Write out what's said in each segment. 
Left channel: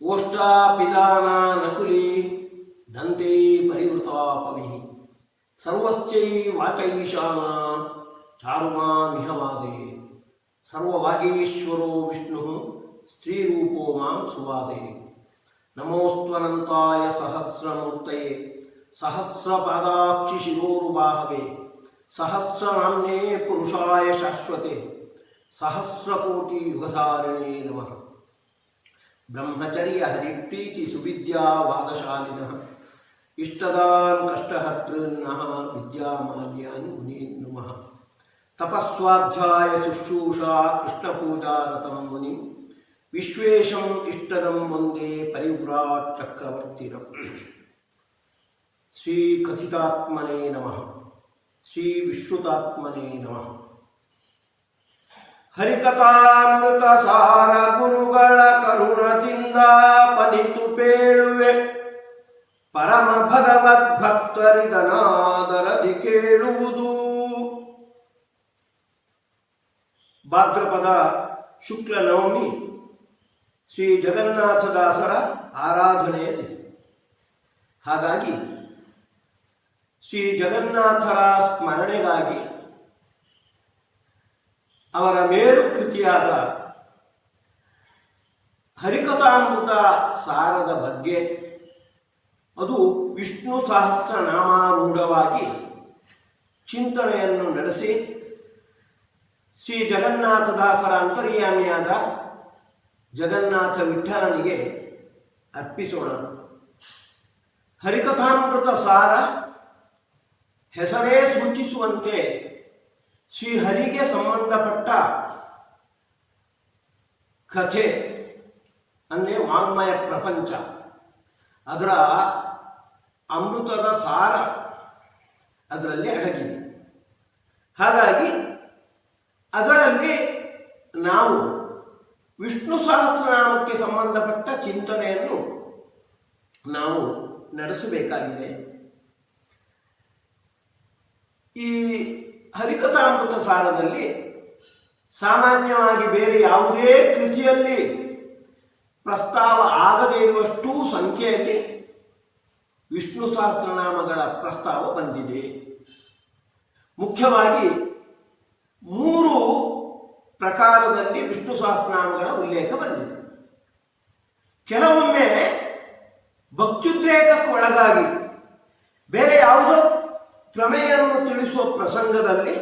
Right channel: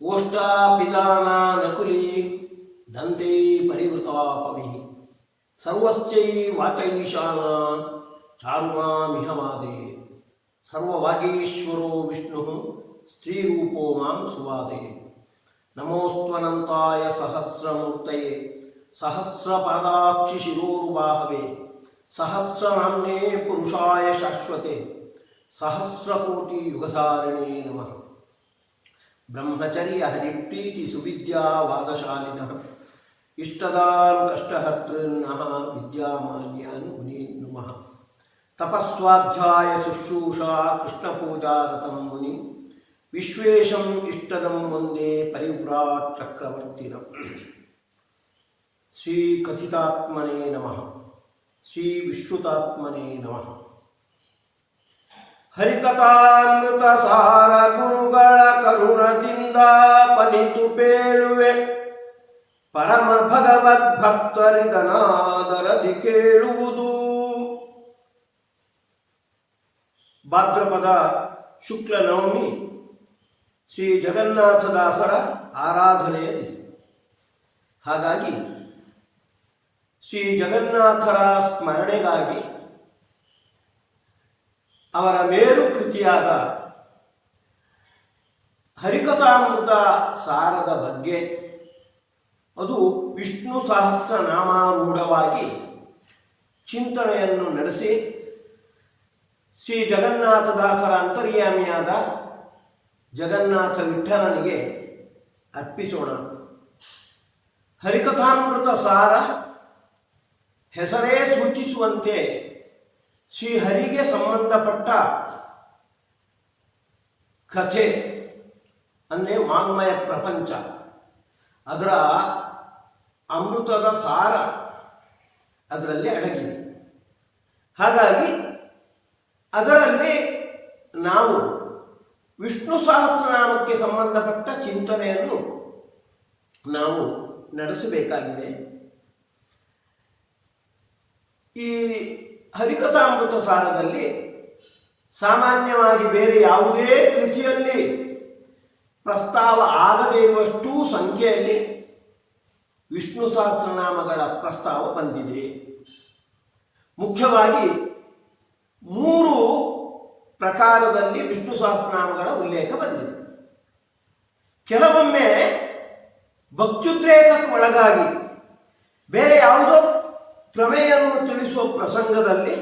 ओष्टापिदाना नकुली दन्ते परिवृता पविः सर्वस्यै वाचैशाना चारुमामिह वादे सर्ववागीश्वरो विष्णुः स्त्रीरूपो मां सुवादे नमोऽस्त्वनन्ताय सहस्रमूर्तये सहस्रपादाक्षि शिरोरुबाहवे सहस्रनाम्ने पुरुषाय शाश्वते सहस्रकोटि युगधारिणे नमः। ब्रह्मचर्य हरिप्रीति सुविद्या वादशालिनः इष्टदान् कष्टहर्तॄन्नः विद्यामान्यान् मुनीन् नुमः। तपस्वाध्याय शुश्रूषा कृष्णपूजारतं मुनि विश्वेशम् इष्टदं वन्दे परिव्राट् चक्रवर्तिनम्। श्री कथितात्मने नमः। श्री विश्रुतात्मने नमः। ಹರಿಕಥಾಮೃತ ಸಾರ ಗುರುಗಳ ಕರುಣದಿಂದ ಪನಿತು ಪೇಳುವೆ ಪರಮ ಭಗವದ್ಭಕ್ತರಿದನಾದರದಿ ಕೇಳುವುದು. ಭಾದ್ರಪದ ಶುಕ್ಲ ನವಮಿ ಶ್ರೀ ಜಗನ್ನಾಥದಾಸರ ಆರಾಧನೆಯ ದಿವಸ. ಹಾಗಾಗಿ ಶ್ರೀ ಜಗನ್ನಾಥರ ಸ್ಮರಣೆಗಾಗಿ ಅವರ ಮೇರು ಕೃತಿಯಾದ ಹರಿಕಥಾಮೃತ ಸಾರದ ಬಗ್ಗೆ, ಅದು ವಿಷ್ಣು ಸಹಸ್ರನಾಮಾರೂಢವಾಗಿ ಚಿಂತನೆಯನ್ನು ನಡೆಸಿ ಶ್ರೀ ಜಗನ್ನಾಥದಾಸರ ಅಂತರ್ಯಾಮಿಯಾದ ಜಗನ್ನಾಥ ವಿಠಲನಿಗೆ ಅರ್ಪಿಸೋಣ. ಹರಿಕಥಾಮೃತ ಸಾರ ಹೆಸರೇ ಸೂಚಿಸುವಂತೆ ಶ್ರೀಹರಿಗೆ ಸಂಬಂಧಪಟ್ಟ ಕಥೆ ಅಂದರೆ ವಾಂಗ್ಮಯ ಪ್ರಪಂಚ, ಅದರ ಅಮೃತದ ಸಾರ ಅದರಲ್ಲಿ ಅಡಗಿದೆ. ಹಾಗಾಗಿ ಅದರಲ್ಲಿ ನಾವು ವಿಷ್ಣು ಸಹಸ್ರನಾಮಕ್ಕೆ ಸಂಬಂಧಪಟ್ಟ ಚಿಂತನೆಯನ್ನು ನಾವು ನಡೆಸಬೇಕಾಗಿದೆ. ಈ ಹರಿಕಥಾಮೃತ ಸಾರದಲ್ಲಿ ಸಾಮಾನ್ಯವಾಗಿ ಬೇರೆ ಯಾವುದೇ ಕೃತಿಯಲ್ಲಿ ಪ್ರಸ್ತಾವ ಆಗದೇ ಇರುವಷ್ಟು ಸಂಖ್ಯೆಯಲ್ಲಿ ವಿಷ್ಣು ಸಹಸ್ರನಾಮಗಳ ಪ್ರಸ್ತಾವ ಬಂದಿದೆ. ಮುಖ್ಯವಾಗಿ 3 ಪ್ರಕಾರದಲ್ಲಿ ವಿಷ್ಣು ಸಹಸ್ರನಾಮಗಳ ಉಲ್ಲೇಖ ಬಂದಿದೆ. ಕೆಲವೊಮ್ಮೆ ಭಕ್ತ್ಯುದ್ರೇಕಕ್ಕೆ ಒಳಗಾಗಿ ಬೇರೆ ಯಾವುದೋ ಪ್ರಮೇಯವನ್ನು ತಿಳಿಸುವ ಪ್ರಸಂಗದಲ್ಲಿ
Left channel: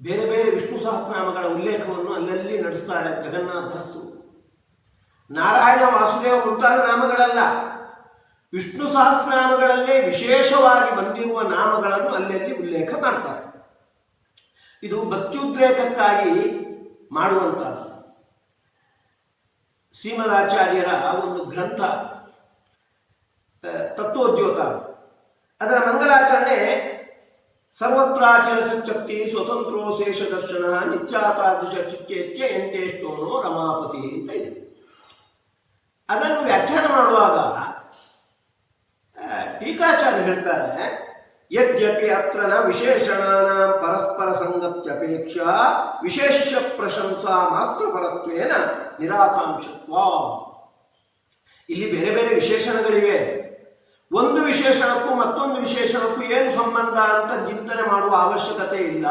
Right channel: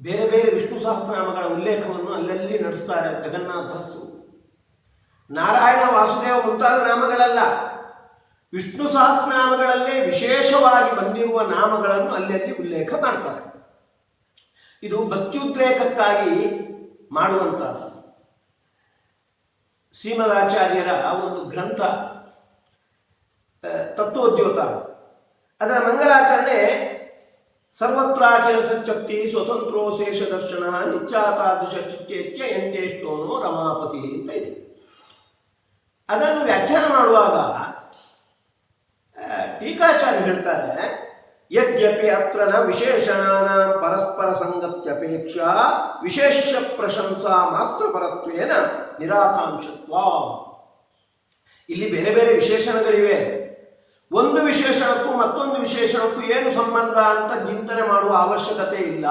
ಬೇರೆ ಬೇರೆ ವಿಷ್ಣು ಸಹಸ್ರನಾಮಗಳ ಉಲ್ಲೇಖವನ್ನು ಅಲ್ಲಲ್ಲಿ ನಡೆಸ್ತಾರೆ ಜಗನ್ನಾಥದಾಸರು. ನಾರಾಯಣ, ವಾಸುದೇವ ಮುಂತಾದ ನಾಮಗಳಲ್ಲ, ವಿಷ್ಣು ಸಹಸ್ರನಾಮಗಳಲ್ಲೇ ವಿಶೇಷವಾಗಿ ಬಂದಿರುವ ನಾಮಗಳನ್ನು ಅಲ್ಲಲ್ಲಿ ಉಲ್ಲೇಖ ಮಾಡ್ತಾರೆ. ಇದು ಭಕ್ತ್ಯುದ್ರೇಕಕ್ಕಾಗಿ ಮಾಡುವಂಥದ್ದು. ಶ್ರೀಮದಾಚಾರ್ಯರ ಒಂದು ಗ್ರಂಥ ತತ್ವೋದ್ಯೋತ, ಅದರ ಮಂಗಲಾಚರಣೆ ಸರ್ವತ್ರಾಖಿಲ ಸಚ್ಛಕ್ತಿ ಸ್ವತಂತ್ರೋ ಶೇಷ ದರ್ಶನ ನಿತ್ಯಾತಾದೃಶ ಚಿಚ್ಚೇತ್ಯ ಎಂತೇಷ್ಟೋನೋ ರಮಾಪತಿ ಅಂತ ಇದೆ. ಅದನ್ನು ವ್ಯಾಖ್ಯಾನ ಮಾಡುವಾಗ ಟೀಕಾಚಾರ್ಯ ಹೇಳ್ತಾರೆ, ಯದ್ಯಪಿ ಅತ್ರ ನ ವಿಶೇಷಣಾನ ಪರಸ್ಪರ ಸಂಗತ್ಯಪೇಕ್ಷಾ ವಿಶೇಷ ಪ್ರಶಂಸಾ ಮಾತ್ರ ಪರತ್ವೇನ ನಿರಾಕಾಂಕ್ಷತ್ವ. ಇಲ್ಲಿ ಬೇರೆ ಬೇರೆ ವಿಶೇಷಣಗಳಿವೆ. ಒಂದು ವಿಶೇಷಣಕ್ಕೂ ಮತ್ತೊಂದು ವಿಶೇಷಣಕ್ಕೂ ಏನು ಸಂಬಂಧ ಅಂತ ಚಿಂತನೆ ಮಾಡುವ ಅವಶ್ಯಕತೆ ಇಲ್ಲ.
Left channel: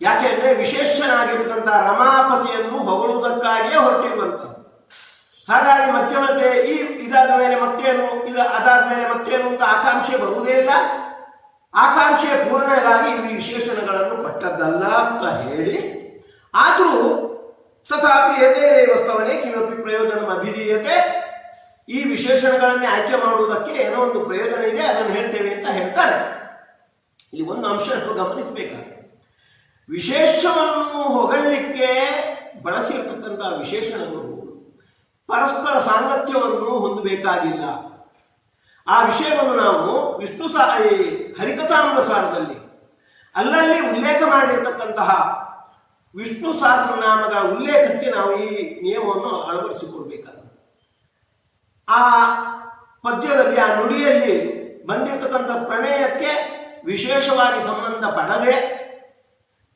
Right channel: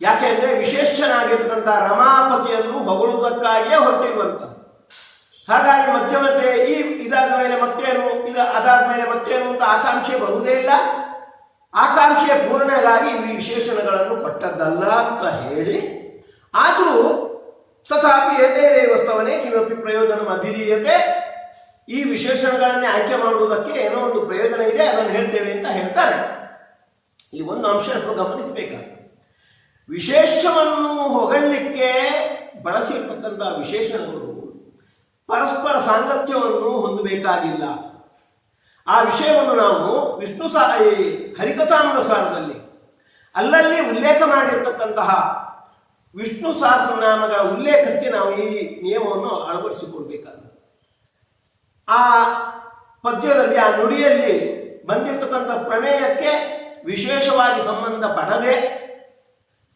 ಯಾಕೆಂದ್ರೆ ವಿಶೇಷನಾಗಿರ್ತಕ್ಕಂಥ ರಮಾಪತಿಯನ್ನು ಹೊಗಳುವುದಕ್ಕಾಗಿಯೇ ಹೊರಟಿರುವಂತ. ಹಾಗಾಗಿ ಮಧ್ಯೆ ಮಧ್ಯೆ ಇದಾದ ಮೇಲೆ ಮತ್ತೇನು, ಅದಾದ ಮೇಲೆ ಮತ್ತೇನು ಅಂತ ಆಕಾಂಕ್ಷೆ ಬರುವುದೇ ಇಲ್ಲ. ಆಕಾಂಕ್ಷೆಯ ಪೂರ್ಣೆಗಾಗಿ ಈ ವಿಶೇಷಣಗಳನ್ನು ಕೊಟ್ಟದ್ದಲ್ಲ ಅಂತ ಹೇಳಿ, ಆದರೂ ತಥಾಪಿ ಏತೇರೇವ ಸ್ತವನೆ ಕಿಮಪಿ ಪ್ರಯೋಜನ ಅಭಿಧೀಯತೆ, ಈ ವಿಶೇಷಣಗಳನ್ನೇ ಆಯ್ಕೆ ಮಾಡುವುದಕ್ಕೆ ಏನೋ ಒಂದು ಪ್ರಯೋಜನ ಇದೆ, ಅದನ್ನು ಹೇಳ್ತೇವೆ ಅಂತ ಹೇಳ್ತಾರೆ. ಇಲ್ಲಿ ಒಂದು ಅಂಶ ಗಮನಿಸಬೇಕಾಗುತ್ತೆ. ವಿಶೇಷವನ್ನು ಹೊಗಳಲಿಕ್ಕೆ ಬಳಸಿರ್ತಕ್ಕಂಥ ವಿಶೇಷಣಗಳು ಪರಸ್ಪರ ಸಾಂಗತ್ಯವನ್ನು ಹೊಂದಬೇಕಾಗಿಲ್ಲ. ಆ ವಿಷಯವನ್ನು ನಾವು ವಿಷ್ಣು ಹರಿಕಥಾಮೃತ ಸಾರದಲ್ಲಿ ಅಲ್ಲಲ್ಲಿ ಉಲ್ಲೇಖ ಮಾಡಿರ್ತಕ್ಕಂತಹ ವಿಷ್ಣು ಸಹಸ್ರನಾಮಗಳ ಉಲ್ಲೇಖಕ್ಕೆ ನಾವು ಈ ನಿಯಮವನ್ನು ಅಳವಡಿಸಿಕೊಳ್ಬೇಕಾಗುತ್ತೆ. ಆ ಪದ್ಯದಲ್ಲಿ, ಆ ನುಡಿಯಲ್ಲಿ ಬಂದಿರತಕ್ಕಂಥ ಪ್ರಮೇಯಕ್ಕೆ ವಿಶೇಷವಾಗಿ ಸಂಬಂಧ ಪಡದೆ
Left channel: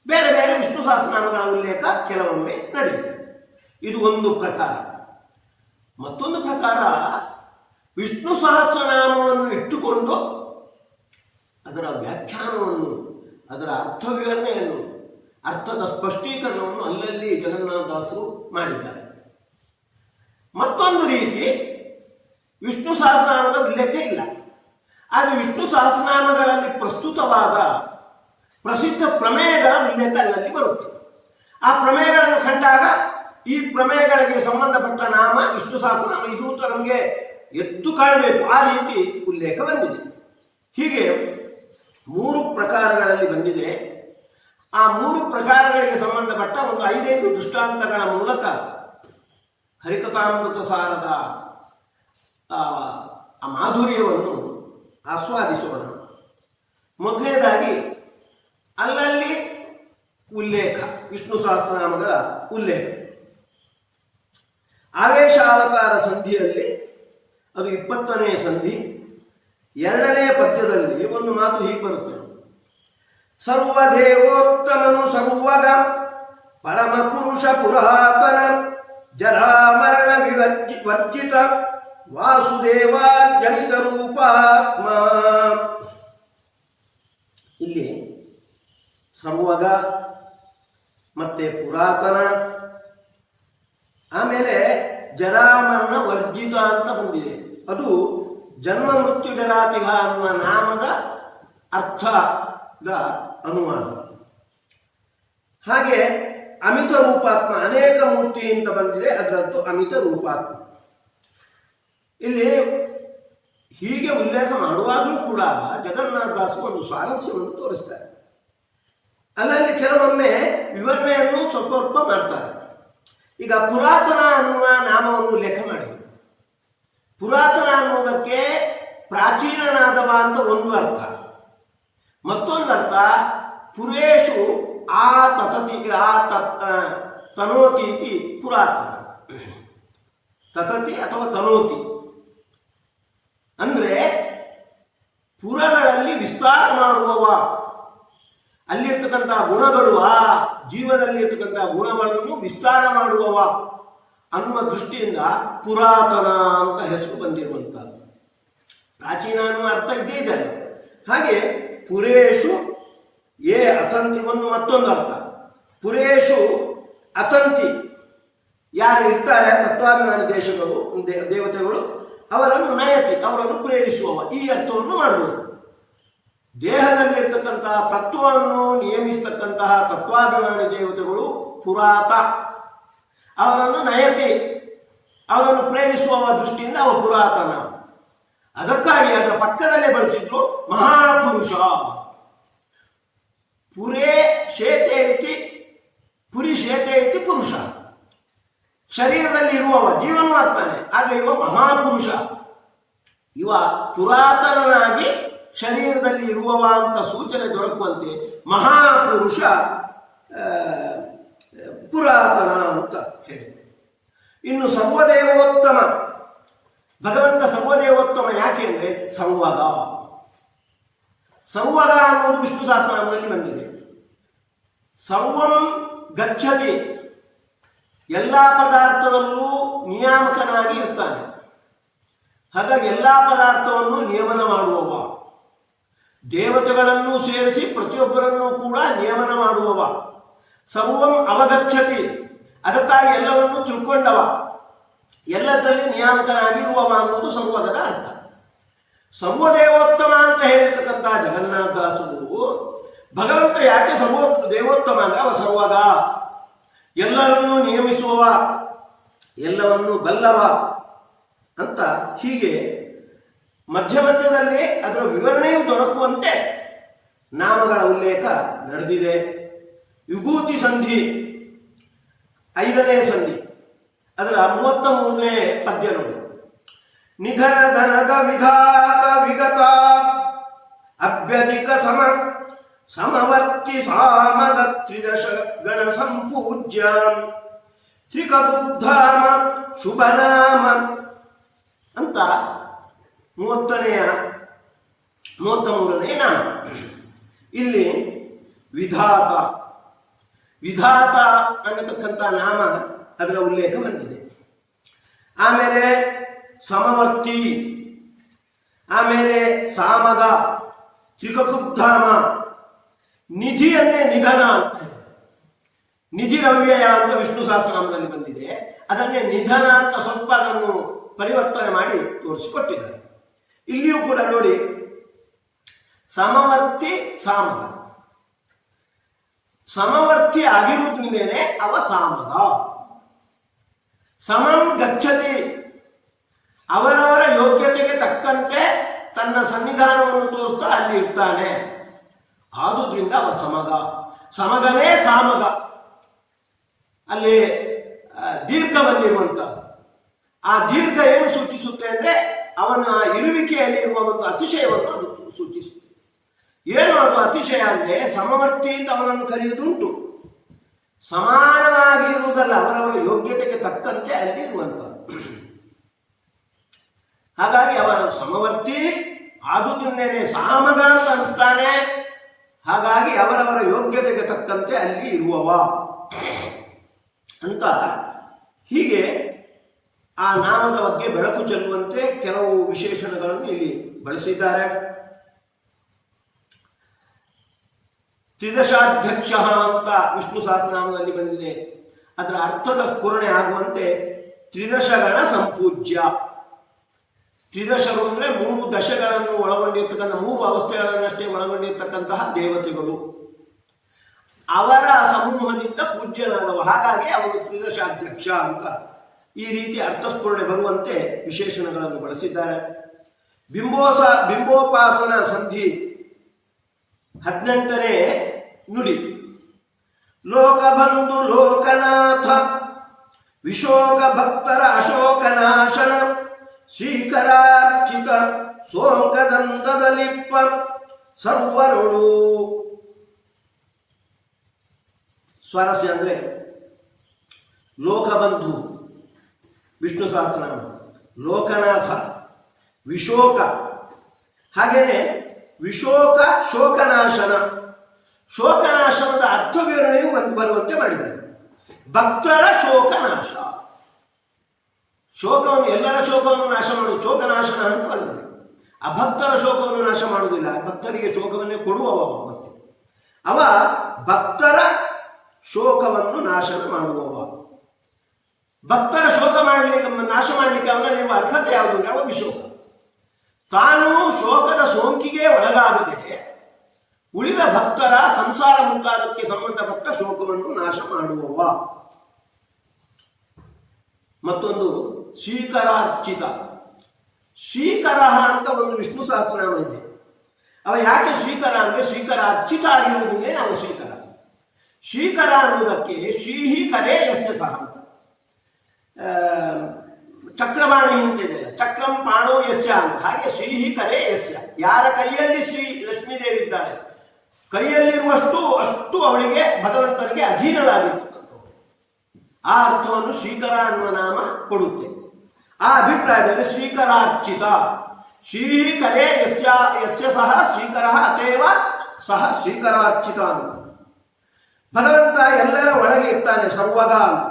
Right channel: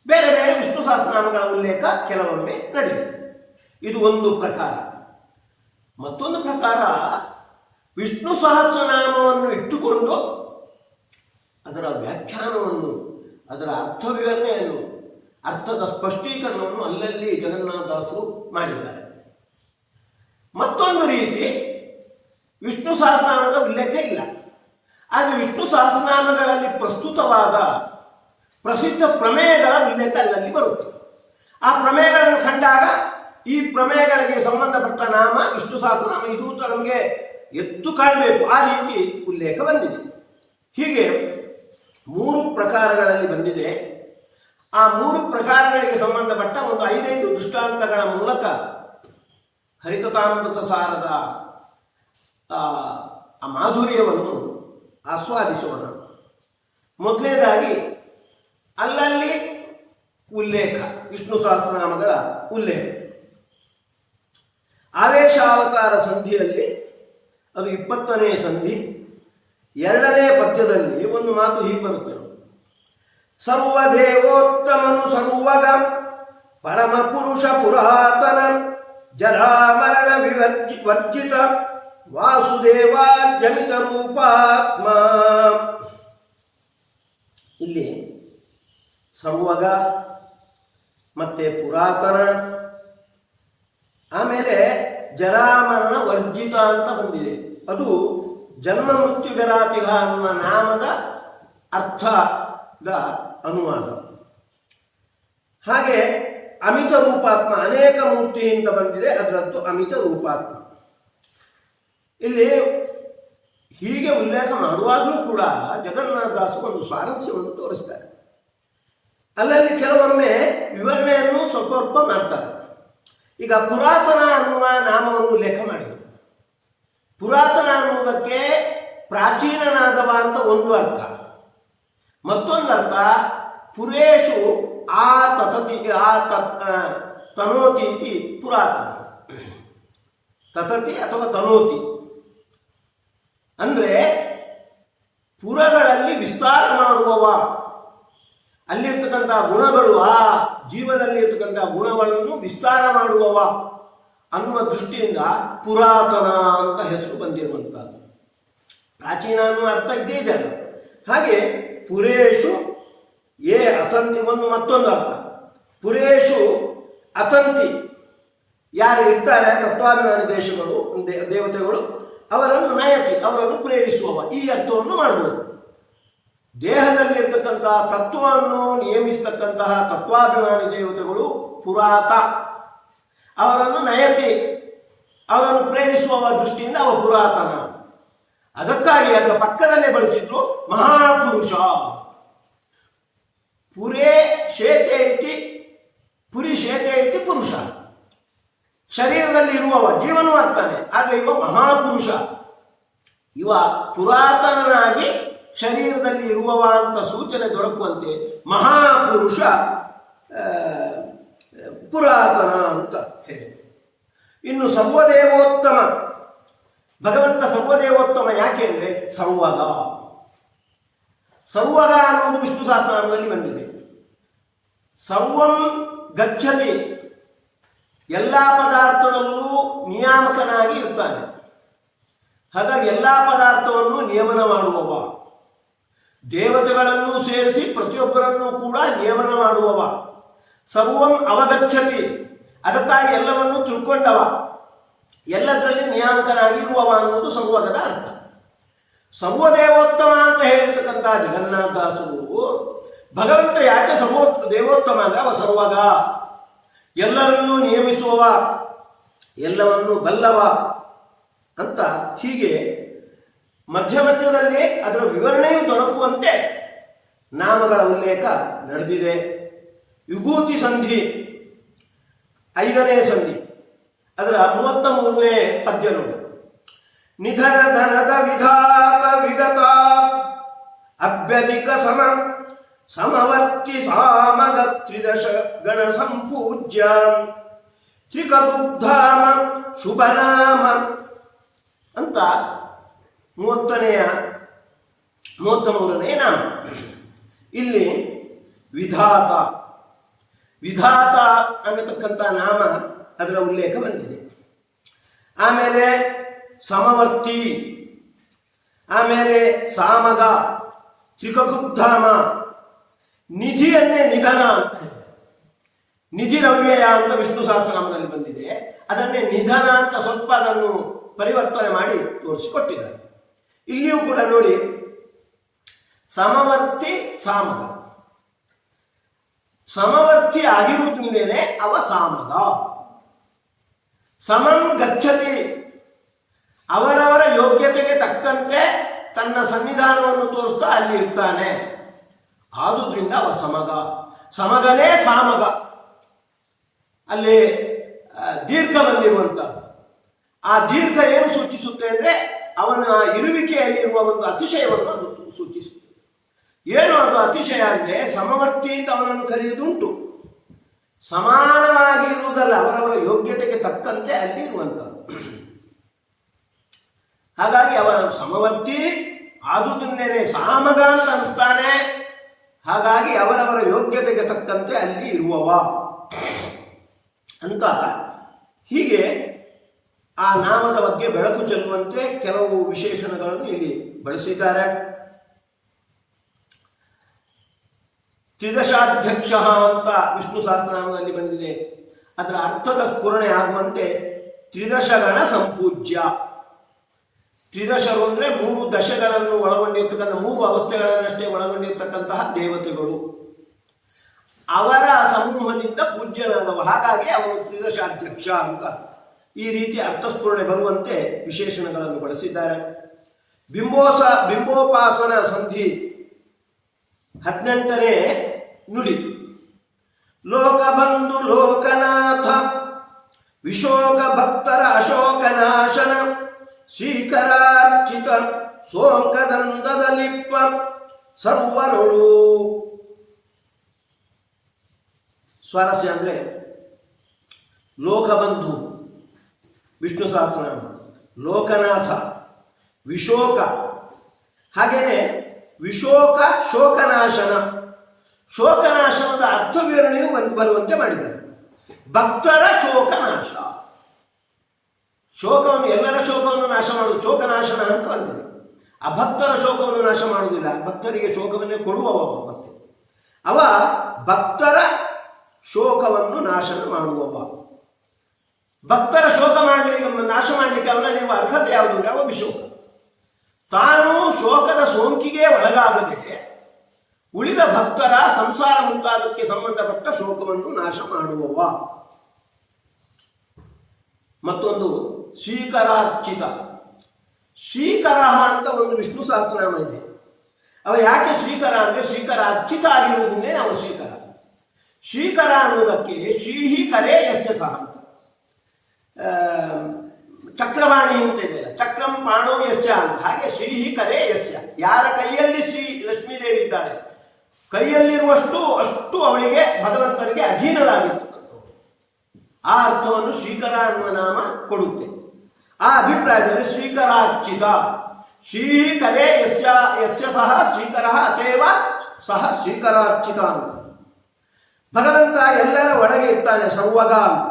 ಬೇರೆ ಬೇರೆ ವಿಷ್ಣು ಸಹಸ್ರನಾಮಗಳ ಉಲ್ಲೇಖ ಕೆಲವೊಮ್ಮೆ ನಡೆಯುತ್ತೆ. ಇದು ಒಂದು ಪ್ರಕಾರ. ಮತ್ತೊಂದು ಪ್ರಕಾರ ವಿಷ್ಣು ಸಹಸ್ರನಾಮವನ್ನು ಇಟ್ಟುಕೊಂಡು ಅದರ ವ್ಯಾಖ್ಯಾನವನ್ನು, ಅದರ ಅರ್ಥ ವಿವರಣೆಯನ್ನು, ಅರ್ಥದ ಸ್ಪಷ್ಟೀಕರಣವನ್ನು ಅಲ್ಲಲ್ಲಿ ಜಗನ್ನಾಥದಾಸರು ಮಾಡಿದ್ದಾರೆ. ಮತ್ತೊಂದು ರೀತಿ ವಿಷ್ಣು ಸಹಸ್ರನಾಮದ ಉಲ್ಲೇಖ ಇಲ್ಲ. ಆದರೆ ವಿಷ್ಣು ಸಹಸ್ರನಾಮಗಳಲ್ಲಿ ಪ್ರಸ್ತುತವಾದ ಪ್ರಸಿದ್ಧ ಪ್ರಮೇಯಗಳ ಉಲ್ಲೇಖ ಅಲ್ಲಲ್ಲಿ ಬರುತ್ತೆ. ಆ ಪ್ರಮೇಯಗಳನ್ನು ಕಂಡಾಗ ಈ ಪ್ರಮೇಯಗಳಿಗೆ ಸಂಬಂಧಪಟ್ಟ ನಾಮ ವಿಷ್ಣು ಸಹಸ್ರನಾಮ ಇದು ಅಂತ ನಮಗೆ ಎದ್ದು ಕಾಣಬೇಕು. ಆ ರೀತಿ ಉಲ್ಲೇಖ ಬಂದಿದೆ. ಹೀಗೆ 3 ಪ್ರಕಾರಗಳಲ್ಲಿ ಬಂದಿದೆ. ಆ 3 ಪ್ರಕಾರಗಳಿಗೆ ಸಂಬಂಧಪಟ್ಟ ಒಂದು 5 ದೃಷ್ಟಾಂತಗಳ ಮೂಲಕ ಹರಿಕಥಾಮೃತ ಸಾರದ ಆ ಮಾಧುರ್ಯವನ್ನು ಆಸ್ವಾದಿಸೋಣ. ಮೊದಲನೇದಾಗಿ ಅಲ್ಲಲ್ಲಿ ಉಲ್ಲೇಖ, ವಿಷ್ಣು ಸಹಸ್ರನಾಮಗಳ ಉಲ್ಲೇಖ. ಆವೇಶಾವತಾರ ಸಂಧಿಯಲ್ಲಿ ಅದು 20ನೇ ಸಂಧಿ 2ನೇ ಪದ್ಯದಲ್ಲಿ ಒಂದು ಮಾತು ಹೀಗೆ ಬರುತ್ತದೆ. ಸರ್ವದೇವೋತ್ತಮನು ಸರ್ವಗ ಪರಮ ಪುರುಷ ಪುರಾತನ ಜರಾಮರಣ ವರ್ಜಿತ ವಾಸುದೇವಾರ್ಜಮಿತ ರೂಪಾತ್ಮ. ಇಲ್ಲಿ ಸರ್ವಗ ಮತ್ತೆ ಪುರಾತನ, ಆಮೇಲೆ ಜರಾಮರಣ ವರ್ಜಿತ ಅಂತ ಬಂದಿದೆ. ಅದು ಜನ್ಮ ಮೃತ್ಯು ಜರಾತಿಗ ಅನ್ನುವ ನಾಮದ ಅರ್ಥದ ಅನುವಾದ. ಹಾಗೆ ಅಮಿತ ರೂಪಾತ್ಮ, ಅನೇಕ ಮೂರ್ತಿ ಅಂತ ಬಂದಿದೆ, ಅದರದ್ದು ಅಮಿತ ರೂಪಾತ್ಮ. ಇಲ್ಲಿ ಹೀಗೆ ಉಲ್ಲೇಖ ಮಾಡುವಾಗಲೂ ಕೂಡ ಜಗನ್ನಾಥದಾಸರು ಒಂದು ಸ್ವಾರಸ್ಯವನ್ನು ತೋರಿಸ್ತಾರೆ. ಅಲ್ಲಲ್ಲಿ ಕೆಲವೊಮ್ಮೆ ವಿವರಣೆಯನ್ನು ಸ್ವಲ್ಪ ಮಾಡ್ತಾರೆ. ಈಗ ಪುರಾತನ ಅನ್ನುವ ನಾಮವನ್ನು ಉಲ್ಲೇಖ ಮಾಡಿದರು. ಪುರಾತನ ಅನ್ನುವುದಕ್ಕೆ ಪ್ರಾಚೀನನಾದವ ಅಂತ ಒಂದು ಅರ್ಥ. ಮತ್ತೊಂದು ಅರ್ಥ ಪುರೇಶು ಆ ತತತಿ ತನೋತಿ ಇತಿ ಪುರಾತನ. ತತತಿ ಅಥವಾ ತನೋತಿ ಅಂದ್ರೆ ಪುರಗಳಲ್ಲಿ ವಿಸ್ತಾರ ಮಾಡುವವ, ಅಲ್ಲಿರ್ತಕ್ಕಂಥ ಗುಣಗಳು, ಆ ಜೀವದಲ್ಲಿ ಇರ್ತಕ್ಕಂಥ ಗುಣಗಳನ್ನು ವಿಸ್ತಾರ ಮಾಡುವವ ಅನ್ನುವ ದೃಷ್ಟಿಯಿಂದ ಪುರಾತನ ಅಂತ ಹೆಸರು ಬಂದಿರುವಂಥದ್ದು. ಪ್ರಾಚೀನ ಅನ್ನುವ ಅರ್ಥ ಇದ್ದೇ ಇದೆ. ಹಾಗೆ ಪುರೇಶು ಏ ಅತಂತಿ ಒಂದು ಮತ್ತೊಂದು ಅರ್ಥ. ಪುರೇಶು ಅತಂತಿ, ಯಾರು ಇರ್ತಾರೆ ತತ್ವಾಭಿಮಾನಿ ದೇವತೆಗಳು, ಅವರನ್ನು ನಯತಿ, ಅವರನ್ನು ಪ್ರೇರಿಸುವವ, ಈ ಅರ್ಥವನ್ನು ಮಾಡಬಹುದು. ದೇಹದಲ್ಲಿರ್ತಕ್ಕಂತಹ ತತ್ವವನ್ನು ನಿಯಮಿಸತಕ್ಕಂತಹ ತತ್ವಾಭಿಮಾನಿ ದೇವತೆಗಳು ಪುರಾತ, ಅವರನ್ನು ನಯತಿ, ಅವರನ್ನು ಪ್ರೇರಿಸುವ ದೃಷ್ಟಿಯಿಂದ ಅವ ಪುರಾತನ. ಅದಕ್ಕಾಗಿ ಅದರ ಪಕ್ಕದಲ್ಲೇ ಬಳಸಿದ್ರು ಮಹಾಪುರುಷ. ಪುರೇ ಶೇತೆ ಇತಿ ಪುರಿ ಶೇತೆ ಇತಿ ಪುರುಷ, ಶರೀರದಲ್ಲಿ ಇರುವವ, ಜೀವನೂ ಆಗ್ತಾನೆ, ಆದರೆ ಇವ ಮಹಾಪುರುಷ. ಇವ ಪುರಾತನನಾಗಿ ಶರೀರದಲ್ಲಿ ಇರುವವ ಅಂತ ಸೂಚನೆ ದೊರಕುವಂತೆ ಮಹಾಪುರುಷ ಪುರಾತನ ಅಂತ ಹೇಳಿ. ಇನ್ನು ಸರ್ವದೇವೋತ್ತಮ, ಭಗವಂತ ಸರ್ವದೇವೋತ್ತಮ ಯಾಕೆ ಅಂದರೆ ಸಂವಗ. ಸಂವಗ ಅನ್ನೋದು ವಿಷ್ಣು ಸಹಸ್ರನಾಮದಲ್ಲಿ ಬಂದಿದೆ. ಸರ್ವಂ ಗಚ್ಚತಿ, ಎಲ್ಲ ಪದಾರ್ಥದಲ್ಲೂ ನಿಯಾಮಕನಾಗಿ ಇರ್ತಾನೆ. ಹಾಗಾಗಿ ಎಲ್ಲ ಪದಾರ್ಥವನ್ನು ನಿಯಮನ ಮಾಡುವವ, ದೇವತೆಗಳನ್ನು ಸೇರಿಸಿ ಪ್ರತಿಯೊಬ್ಬರನ್ನೂ ಕೂಡ ನಿಯಮನ ಮಾಡುವವ. ಸರ್ವಂ ಅವಗಚ್ಚತಿ, ಅದಕ್ಕಾಗಿ ಎಲ್ಲವನ್ನು ತಿಳ್ಕೊಂಡವ, ಎಲ್ಲದರಲ್ಲಿ ನಿಯಾಮಕನಾಗಿರುವವ ಅನ್ನೋದು ಸರ್ವಗದ ಅರ್ಥ. ಸರ್ವದೇವೋತ್ತಮ ಅಂತ ಹೇಳಿರ್ತಕ್ಕಂಥ ಜಗನ್ನಾಥದಾಸರು ಭಗವಂತ ಯಾಕೆ ದೇವೋತ್ತಮ ಅಂದರೆ ಅವ ಸರ್ವಗ, ಎಲ್ಲರನ್ನೂ ನಿಯಮಿಸುವವ, ಎಲ್ಲವನ್ನೂ ಬಲ್ಲವ ಅಂತ ಹೀಗೆ ಮಧ್ಯ ಮಧ್ಯದಲ್ಲಿ ಅದರ ವಿವರಣೆಯೂ ದೊರಕುವಂತೆ ನಾಮಗಳ ಉಲ್ಲೇಖ ನಡೆದಿದೆ. ವಿಭೂತಿ ಸಂಧಿ 5ನೇ ಸಂಧಿ, ಅದರ 33ನೇ ಪದ್ಯ ನೋಡಿ. ನಿಧನ ಧನದ ವಿಧಾತ ವಿಗತ ಅಭ್ಯಧಿಕ ಸಮವರ್ತಿ ಸಾಮಗ ತ್ರಿದಶ ಗಣ ಸಂಪೂಜ್ಯ ತ್ರಿಕಬುದ್ಧಾಮ ಶುಭನಾಮ ಅಂತ 33ನೇ ನಾಮ. ಇಲ್ಲಿ ವಿಧಾತ ಅನ್ನತಕ್ಕಂಥ ನಾಮ ಅದರ ಉಲ್ಲೇಖ ಬಂದಿದೆ. ಆಮೇಲೆ ಸಮವರ್ತಿ, ಆಮೇಲೆ ಸಾಮಗ, ತ್ರಿಕಕುಬ್ಧಾಮ, ನಿಧಿಯನ್ನೇ ನಿಧನ ಅಂತ ಹೇಳಿ ನಿಧಿರವ್ಯಯ ಅಂತ ವಿಷ್ಣು ಸಹಸ್ರನಾಮದಲ್ಲಿ ಬಂದಿದೆ. ಅದನ್ನೇ ನಿಧನ ಅಂತ ಸ್ವಲ್ಪ ಅದನ್ನು ಪರಿವರ್ತನೆ ಮಾಡಿ ತೋರಿಸಿಕೊಟ್ಟಿದ್ದಾರೆ. ಇಲ್ಲಿಯೂ ಕೂಡ ನೋಡಿ, ಸಮವರ್ತಿ ಸಾಮಗ, ಸಮವರ್ತಿ ಆಗಿರುವುದರಿಂದೇನೆ ಅವ ಸಾಮಗ. ಸಮಂ ಗಚ್ಚತಿ, ಅವರವರ ಯೋಗ್ಯತೆಗೆ ತಕ್ಕಂತೆ ತನ್ನ ಸನ್ನಿಧಾನವನ್ನು ತೋರಿಸ್ತಾ ಅಲ್ಲಿ ಇರ್ತಾನೆ, ಆದುದರಿಂದ ಅವ ಸಮಗ. ಸಮಗನೇ ಸಾಮಗ. ಅಲ್ಲಿ ದೀರ್ಘ ಬಂದಿರುವಂತ ಆ ದೀರ್ಘ ಏನು ಸೂಚಿಸುತ್ತೆ ಅಂದ್ರೆ ಅವನ ಇರುವಿಕೆಯಲ್ಲಿ ಇರುವ ಒಂದು ಅತಿಶಯವನ್ನು ಅದು ಸೂಚಿಸುತ್ತೆ. ಏನು ಅದು ಅತಿಶಯ ಅಂದ್ರೆ, ಸಮವರ್ತಿ ಅಂತ ಅವನನ್ನು ಕರೆಯುವುದುಂಟು, ಸಮಾನವಾಗಿ ಇರುವುದಲ್ಲ, ಅವರವರ ಯೋಗ್ಯತೆಗೆ ತಕ್ಕಂತೆ ಅಲ್ಲಿ ಇರುವಂಥದ್ದು. ಹಾಗಾಗಿ ಅವರ ಸಮವರ್ತಿ ಆದುದನ್ನೇನೆ ಸಾಮಗ ಅಂತ ಅನಿಸ್ತಾನೆ. ಹಾಗಾಗಿ ಅವರವರ ಯೋಗ್ಯತೆಗೆ ತಕ್ಕಂತೆ ಅಲ್ಲಿ ಇರುವವ ಅಂತ ಹೀಗೆ ಆ ನಾಮದ ಬಗ್ಗೆ ಬೆಳಕು ಚೆಲ್ಲುವಂತೆ ಕೆಲವು ವಿಶೇಷಣಗಳನ್ನು ಇಲ್ಲಿ ಬಳಸಿದ್ದಾರೆ. ತ್ರಿದಶಾಧ್ಯಕ್ಷ ಅಂತ ವಿಷ್ಣು ಸಹಸ್ರನಾಮದಲ್ಲಿ ಬಂದಿದೆ. ಅದರ ಅರ್ಥದ ಸ್ಫುರಣೆ ಆಗುವಂತೆ ತ್ರಿದಶಗಣ ಸಂಪೂಜ್ಯ. ತ್ರಿದಶರು ಅಂದ್ರೆ 3 ದಶಗಳನ್ನು ಒಳಗೊಂಡಿರ್ತಕ್ಕಂಥ, 3 ಅವಸ್ಥೆಗಳನ್ನಷ್ಟೇ ಒಳಗೊಂಡಿರ್ತಕ್ಕಂತಹ ದೇವತೆಗಳು, ಅವರ ಸಮೂಹದಿಂದ ಪೂಜ್ಯನಾದವ. ಹಾಗಾಗಿ ಅವನು ತ್ರಿದಶಾಧ್ಯಕ್ಷ ಅಂತ ಈ ರೀತಿ ಅರ್ಥಸ್ಫುರಣೆ ಬರುವಂತೆ ವಿಶೇಷಣಗಳನ್ನು ಬಳಸಿದ್ದಾರೆ. ಬಿಂಬೋಪಾಸನ ಸಂಧಿ 18ನೇ ನುಡಿ. ಲೋಕಬಂಧು ಲೋಕನಾಥ ವಿಶೋಕ ಭಕ್ತರ ಅಶೋಕನಾಶನ ಶ್ರೀಕರಾರ್ಚಿತ ಸೋಂಕದಂದದಲಿಪ್ಪ ಸರ್ವರುಳು. ಸ್ವಾರಸ್ಯ ಅಂದ್ರೆ ಲೋಕಬಂಧು ವಿಷ್ಣು ಸಹಸ್ರನಾಮ, ಲೋಕನಾಥ, ವಿಶೋಕ, ಹಾಗೇನೆ ವಿಶೋಕ ಶೋಕನಾಶನ. ಶೋಕನಾಶನದ ಅರ್ಥ ವಿವರಣೆಯು ಬರುವಂತೆ ಮಾಡಿದ್ದಾರೆ. ಭಕ್ತರ ಶೋಕನಾಶ, ಶೋಕವನ್ನು, ಎಲ್ಲರ ಶೋಕವನ್ನು ನಾಶ ಮಾಡುವುದು ಶೋಕನಾಶನ ಅಂತ ಬಂದಿದೆ. ಅಭಕ್ತರ ಶೋಕವನ್ನು ನಾಶ ಮಾಡುವುದಿಲ್ಲ, ಭಕ್ತರಿಗೆ ಶೋಕವನ್ನೇ ಕೊಡುವವ. ಮತ್ತೆ ಅವ ಭಕ್ತರ ಶೋಕವನ್ನು ನಾಶನ ಮಾಡುವವ. ಭಕ್ತರ ಶೋಕ ಮಾಡಲಿಕ್ಕೆ, ನಾಶ ಮಾಡಲಿಕ್ಕೆ ಅವನ ಅರ್ಹತೆ ಯಾವುದು? ಅವ ವಿಶೋಕ. ತಾನು ಶೋಕದ ಸೋಂಕಿಗೆ ಒಳಗಾಗದೆ ಉಳಿದ ಭಕ್ತರ ಸಂಸಾರ ಮುಂತಾದಕ್ಕೆ ಸಂಬಂಧಪಟ್ಟ ಶೋಕವನ್ನು ನಾಶ ಮಾಡುವವ. ಮತ್ತೊಂದು ಶ್ರೀಕರಾರ್ಚಿತ. ಶ್ರೀಕರ ಅಂತ ಒಂದು ವಿಷ್ಣು ಸಹಸ್ರನಾಮ ಇದೆ. ಅವ ಯಾಕೆ ಶ್ರೀಕರ ಅಂದ್ರೆ ಶ್ರೀಕರ ಅರ್ಚಿತ ಆಗಿರುವುದನ್ನೇ ನಾವು ಶ್ರೀಕರ. ಶ್ರೀಕರ ಅನ್ನುವುದಕ್ಕೆ ಶ್ರೀಹಿ ಕರೇ ಯಸ್ಯ ಸಹ, ಚಕ್ರವಾಣಿ ಅಂತ ಇದೆಯಲ್ಲ, ಚಕ್ರಂ ಪಾಣೋ ಯಸ್ಯ ಅಂತ. ಹಾಗೆ ಶ್ರೀಹಿ ಕರೇ ಯಸ್ಯ, ಯಾರ ಕೈಯಲ್ಲಿ ಶ್ರೀ ಲಕ್ಷ್ಮೀದೇವಿ ಇದ್ದಾಳೆ, ಕೈಯಲ್ಲಿರುವಷ್ಟು ಅಷ್ಟು ಅವಳಿಗೆ ಭಗವಂತನಿಗೆ ಅಧೀನರಾಗಿರ್ತಕ್ಕಂಥ ಆ ಅರ್ಥವನ್ನು ಶ್ರೀಕರ ಅನ್ನುವ ನಾಮ ಕೊಡುತ್ತೆ. ಆ ಅಭಿಪ್ರಾಯದಲ್ಲಿ ಶ್ರೀಕರಾರ್ಚಿತ, ಶ್ರೀಕರೇ ಯಸ್ಯ ಯಸ್ಯ ಸಹ ಶ್ರೀಕರ ಅತೇವ ಸಹ ಶ್ರೀಕರಾರ್ಚಿತ ಅಂತ. ಭಗವಂತ ಎಲ್ಲರ ಒಳಗೆ ಇರ್ತಾನೆ, ಸರ್ವಗ ಅಂತ.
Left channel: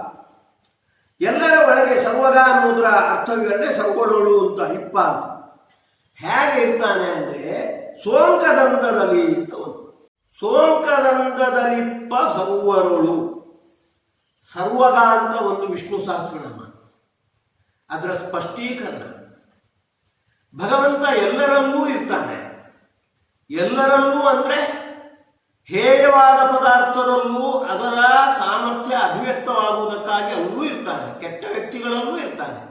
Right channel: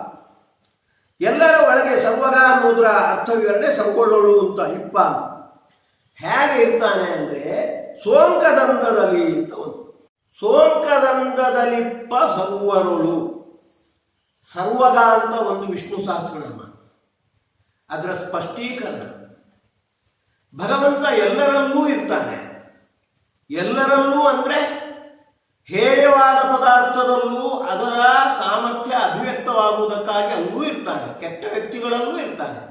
ಎಲ್ಲರ ಒಳಗೆ ಸರ್ವಗ ಅನ್ನೋದ್ರ ಅರ್ಥವಿವರಣೆ ಸರ್ವೊಳಳು ಅಂತ, ಇಪ್ಪ ಅಂತ. ಹೇಗೆ ಇರ್ತಾನೆ ಅಂದ್ರೆ ಸೋಂಕದಂದದಲ್ಲಿ ಅಂತ ಒಂದು, ಸೋಂಕದಂದದಲಿಪ್ಪ ಸರ್ವರುಳು. ಸರ್ವಗ ಅಂತ ಒಂದು ವಿಷ್ಣು ಸಹಸ್ರನಾಮ, ಅದರ ಸ್ಪಷ್ಟೀಕರಣ. ಭಗವಂತ ಎಲ್ಲರಲ್ಲೂ ಇರ್ತಾನೆ. ಎಲ್ಲರಲ್ಲೂ ಅಂದ್ರೆ ಹೇಯವಾದ ಪದಾರ್ಥದಲ್ಲೂ ಅದರ ಸಾಮರ್ಥ್ಯ ಅಭಿವ್ಯಕ್ತವಾಗುವುದಕ್ಕಾಗಿ ಅಲ್ಲೂ ಇರ್ತಾನೆ, ಕೆಟ್ಟ ವ್ಯಕ್ತಿಗಳಲ್ಲೂ ಇರ್ತಾನೆ.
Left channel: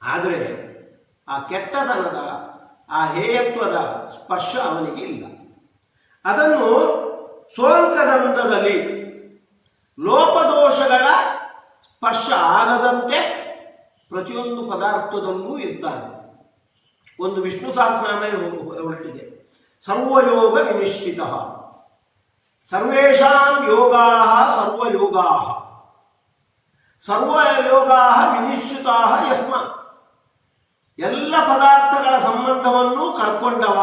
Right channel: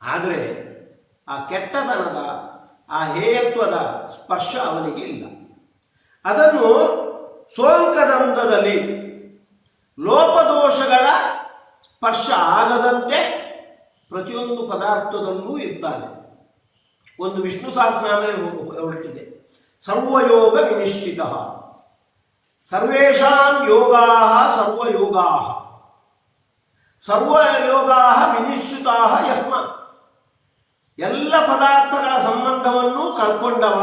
ಆದರೆ ಆ ಕೆಟ್ಟತನದ, ಆ ಹೇಯತ್ವದ ಸ್ಪರ್ಶ ಅವನಿಗೆ ಇಲ್ಲ. ಅದನ್ನು ಸೋಂಕದಂದದಲ್ಲಿ ಲೋಪದೋಷಗಳ ಸ್ಪರ್ಶ ಆಗದಂತೆ ಪ್ರತಿಯೊಂದು ಪದಾರ್ಥದಲ್ಲೂ ಇರ್ತಾನೆ. ಒಂದು ವಿಷ್ಣು ಸಹಸ್ರನಾಮ ಹೊರಟಿದೆ, ಸರ್ವಯೋಗ ವಿನಿಶ್ಚಿತ. ಸರ್ವೇಷಾಂ ಯೋಗಾಃ ಸರ್ವಯೋಗಾಃ, ಸರ್ವಯೋಗಾಃ ವಿನಿಶ್ಚಿತಾಃ ಯಸ್ಮಾತ್. ಎಲ್ಲ ಪದಾರ್ಥಗಳ ಸಂಬಂಧವನ್ನು ಕಳ್ಕೊಂಡವ,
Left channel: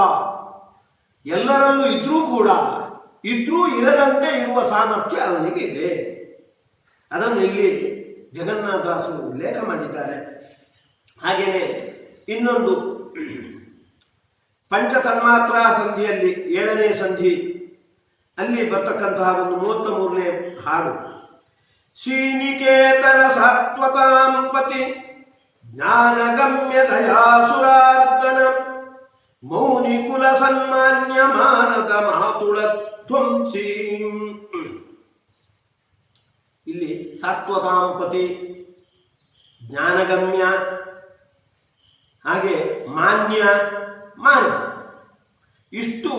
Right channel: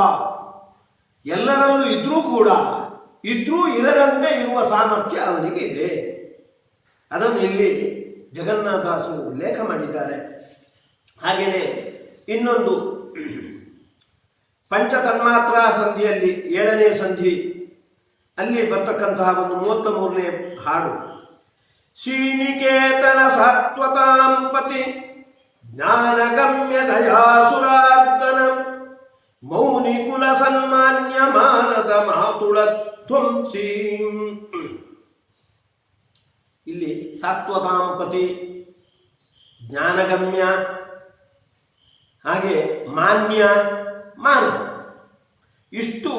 ಎಲ್ಲರಲ್ಲೂ ಇದ್ರೂ ಕೂಡ ಇದ್ರೂ ಇರದಂತೆ ಇರುವ ಸಾಮರ್ಥ್ಯ ಅವನಿಗೆ ಇದೆ. ಅದನ್ನು ಇಲ್ಲಿ ಜಗನ್ನಾಥದಾಸರು ಉಲ್ಲೇಖ ಮಾಡಿದ್ದಾರೆ. ಹಾಗೆಯೇ ಇನ್ನೊಂದು ಪಂಚತನ್ಮಾತ್ರಾ ಸಂಧಿಯಲ್ಲಿ 7ನೇ ಸಂಧಿ ಅಲ್ಲಿ ಬರ್ತಕ್ಕಂತಹ ಒಂದು 33ನೇ ಹಾಡು. ಶ್ರೀನಿಕೇತನ ಸಾತ್ವತಾಂ ಪತಿ ಜ್ಞಾನಗಮ್ಯ ದಯಾಸುರಾರ್ದನ ಮೌನಿ ಕುಲ ಸನ್ಮಾನ್ಯ ಮಾನದ ಮಾತುಳತ್ವಂ ಸೀಂ. ಇಲ್ಲಿ ಸಾತ್ವತಾಂ ಪತಿ, ಜ್ಞಾನಗಮ್ಯ, ಹಾಗೆ ಮಾನ್ಯ, ಮಾನವ, ಇಷ್ಟು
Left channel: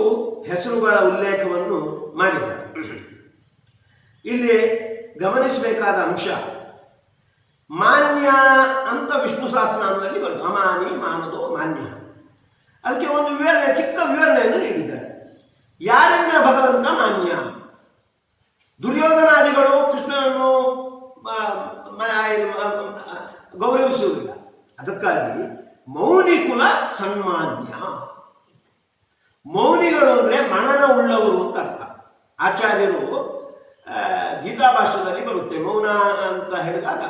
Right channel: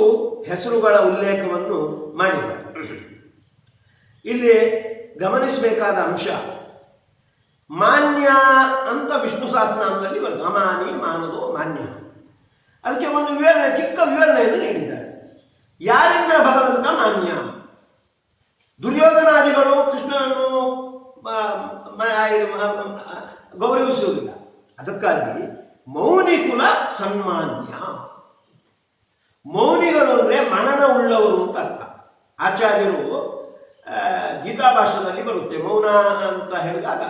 ಹೆಸರುಗಳ ಉಲ್ಲೇಖವನ್ನು ಮಾಡಿದ್ದಾರೆ. ಇಲ್ಲಿ ಗಮನಿಸಬೇಕಾದ ಅಂಶ, ಮಾನ್ಯ ಅಂತ ವಿಷ್ಣು ಸಹಸ್ರನಾಮದಲ್ಲಿ ಬರ್ತದೆ. ಅಮಾನಿ, ಮಾನದೋ, ಮಾನ್ಯ. ಅದಕ್ಕೆ ಒಂದು ವಿವರಣೆ, ಚಿಕ್ಕ ವಿವರಣೆಯನ್ನು ನೀಡಿದ್ದಾರೆ. ಯಾರಿಂದ ಭಗವಂತ ಮಾನ್ಯ? ದುರ್ಯೋಧನಾದಿಗಳು ಕೃಷ್ಣನನ್ನು ಗೌರವಿಸುವುದಿಲ್ಲ. ಅದಕ್ಕಾಗಿ ಮೌನಿ ಕುಲ ಸನ್ಮಾನ್ಯ. ಮೌನಿಗಳು ಅಂದರೆ ಮನನ ಉಳ್ಳವರು ಅಂತ ಅರ್ಥ. ಆಚಾರ್ಯರು ಗೀತಾ ಭಾಷೆಯಲ್ಲಿ ಬರುತ್ತೆ ಮೌನ ಅಂತ ಹೇಳಿದಾಗ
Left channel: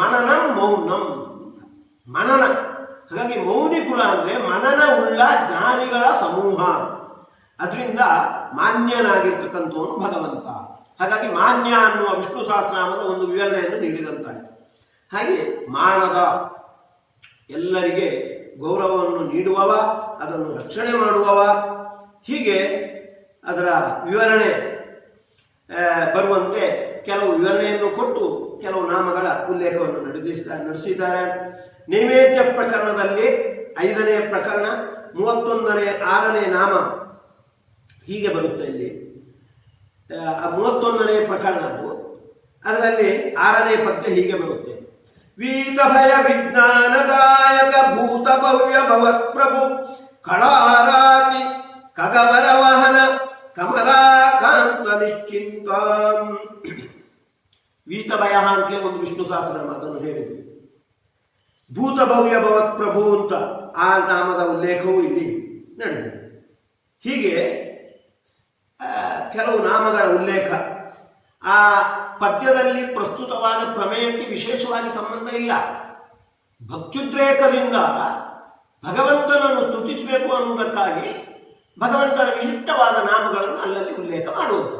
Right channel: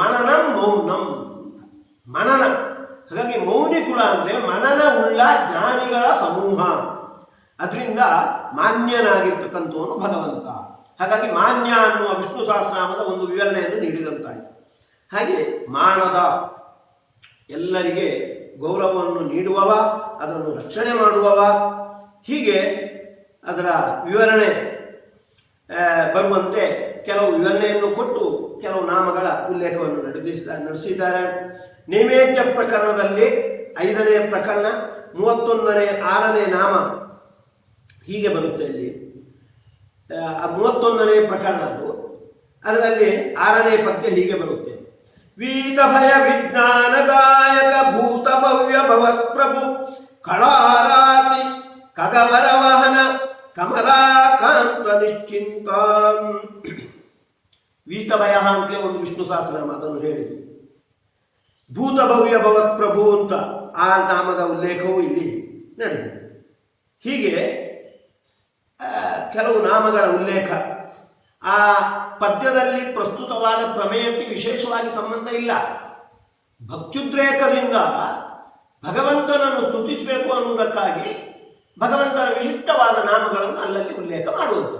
ಮನನಂ ಮೌನಂ, ಮನನ. ಹಾಗಾಗಿ ಮೌನಿ ಕುಲ ಅಂದರೆ ಮನನ ಉಳ್ಳ ಜ್ಞಾನಿಗಳ ಸಮೂಹ. ಅದರಿಂದ ಮಾನ್ಯನಾಗಿರ್ತಕ್ಕಂಥವನು ಭಗವಂತ. ಹಾಗಾಗಿ ಮಾನ್ಯ ಅನ್ನುವ ವಿಷ್ಣು ಸಹಸ್ರನಾಮದ ಒಂದು ವಿವರಣೆಯನ್ನು ನೀಡಿದಂತಾಯಿತು. ಹಾಗೆ ಮಾನದ, ಎಲ್ಲರಿಗೆ ಗೌರವವನ್ನು ನೀಡುವವ, ಅದನ್ನು ರಕ್ಷಣೆ ಮಾಡುವವ, ಹೀಗೆ ಅದರ ವಿವರಣೆ ಬರುವಂತೆ ಕೆಲವು ವಿವರಣೆಯನ್ನು ಕೊಟ್ಟು ಕೆಲವು ನಾಮಗಳ ಉಲ್ಲೇಖವನ್ನು ನಡೆಸಿದ್ದಾರೆ. ನೈವೇದ್ಯ ಪ್ರಕರಣದಲ್ಲಿ 5ನೇ ಪ್ರಕರಣ 31ನೇ 6ನೇ ನಾಮ ಹೀಗೆ ಬರುತ್ತೆ. ಇಲ್ಲಿ 31ನೇ ಪ್ರಕರಣ ಅದು, ಅದರಲ್ಲಿ 6ನೇ ಪದ್ಯ ಹೀಗೆ ಬರುತ್ತೆ. ವೀತ ಭಯ ವಿಜ್ಞಾನದಾಯಕ ಭೂತ ಭವ್ಯ ಭವತ್ ಪ್ರಭು ಕಳಾರಾತಿ ಕಗವರ ವಾಹನ ಕಮಲಾಕಾಂತ ನಿಶ್ಚಿಂತ. ವೀತಭಯ ಅಂತಲೇ ಒಂದು ವಿಷ್ಣು ಸಹಸ್ರನಾಮ, ಅದನ್ನು ಹೇಳಿತು. ಭೂತ ಭವ್ಯ ಭವತ್ ಪ್ರಭು ಅಂತ ಆ ನಾಮದ ಉಲ್ಲೇಖವು ಇಲ್ಲಿ ನಡೆದಿದೆ. ಹೀಗೆ ಕೆಲವು ನಾಮಗಳ ಉಲ್ಲೇಖ. ಆ ಪದ್ಯದಲ್ಲಿ ಪ್ರಸ್ತುತವಾದ ಪ್ರಮೇಯಕ್ಕೆ ವಿಶೇಷವಾಗಿ ಸಂಬಂಧ ಇಲ್ಲ. ಭಕ್ತ್ಯುದ್ರೇಕದಿಂದ ಭಗವಂತನನ್ನು ಸ್ತುತಿಸಬೇಕು ಅನ್ನುವುದಕ್ಕಾಗಿ ಭಗವಂತನ ವಿಶಿಷ್ಟವಾದ ನಾಮಗಳನ್ನು ಅಲ್ಲಲ್ಲಿ ಉಲ್ಲೇಖ ಮಾಡುವುದು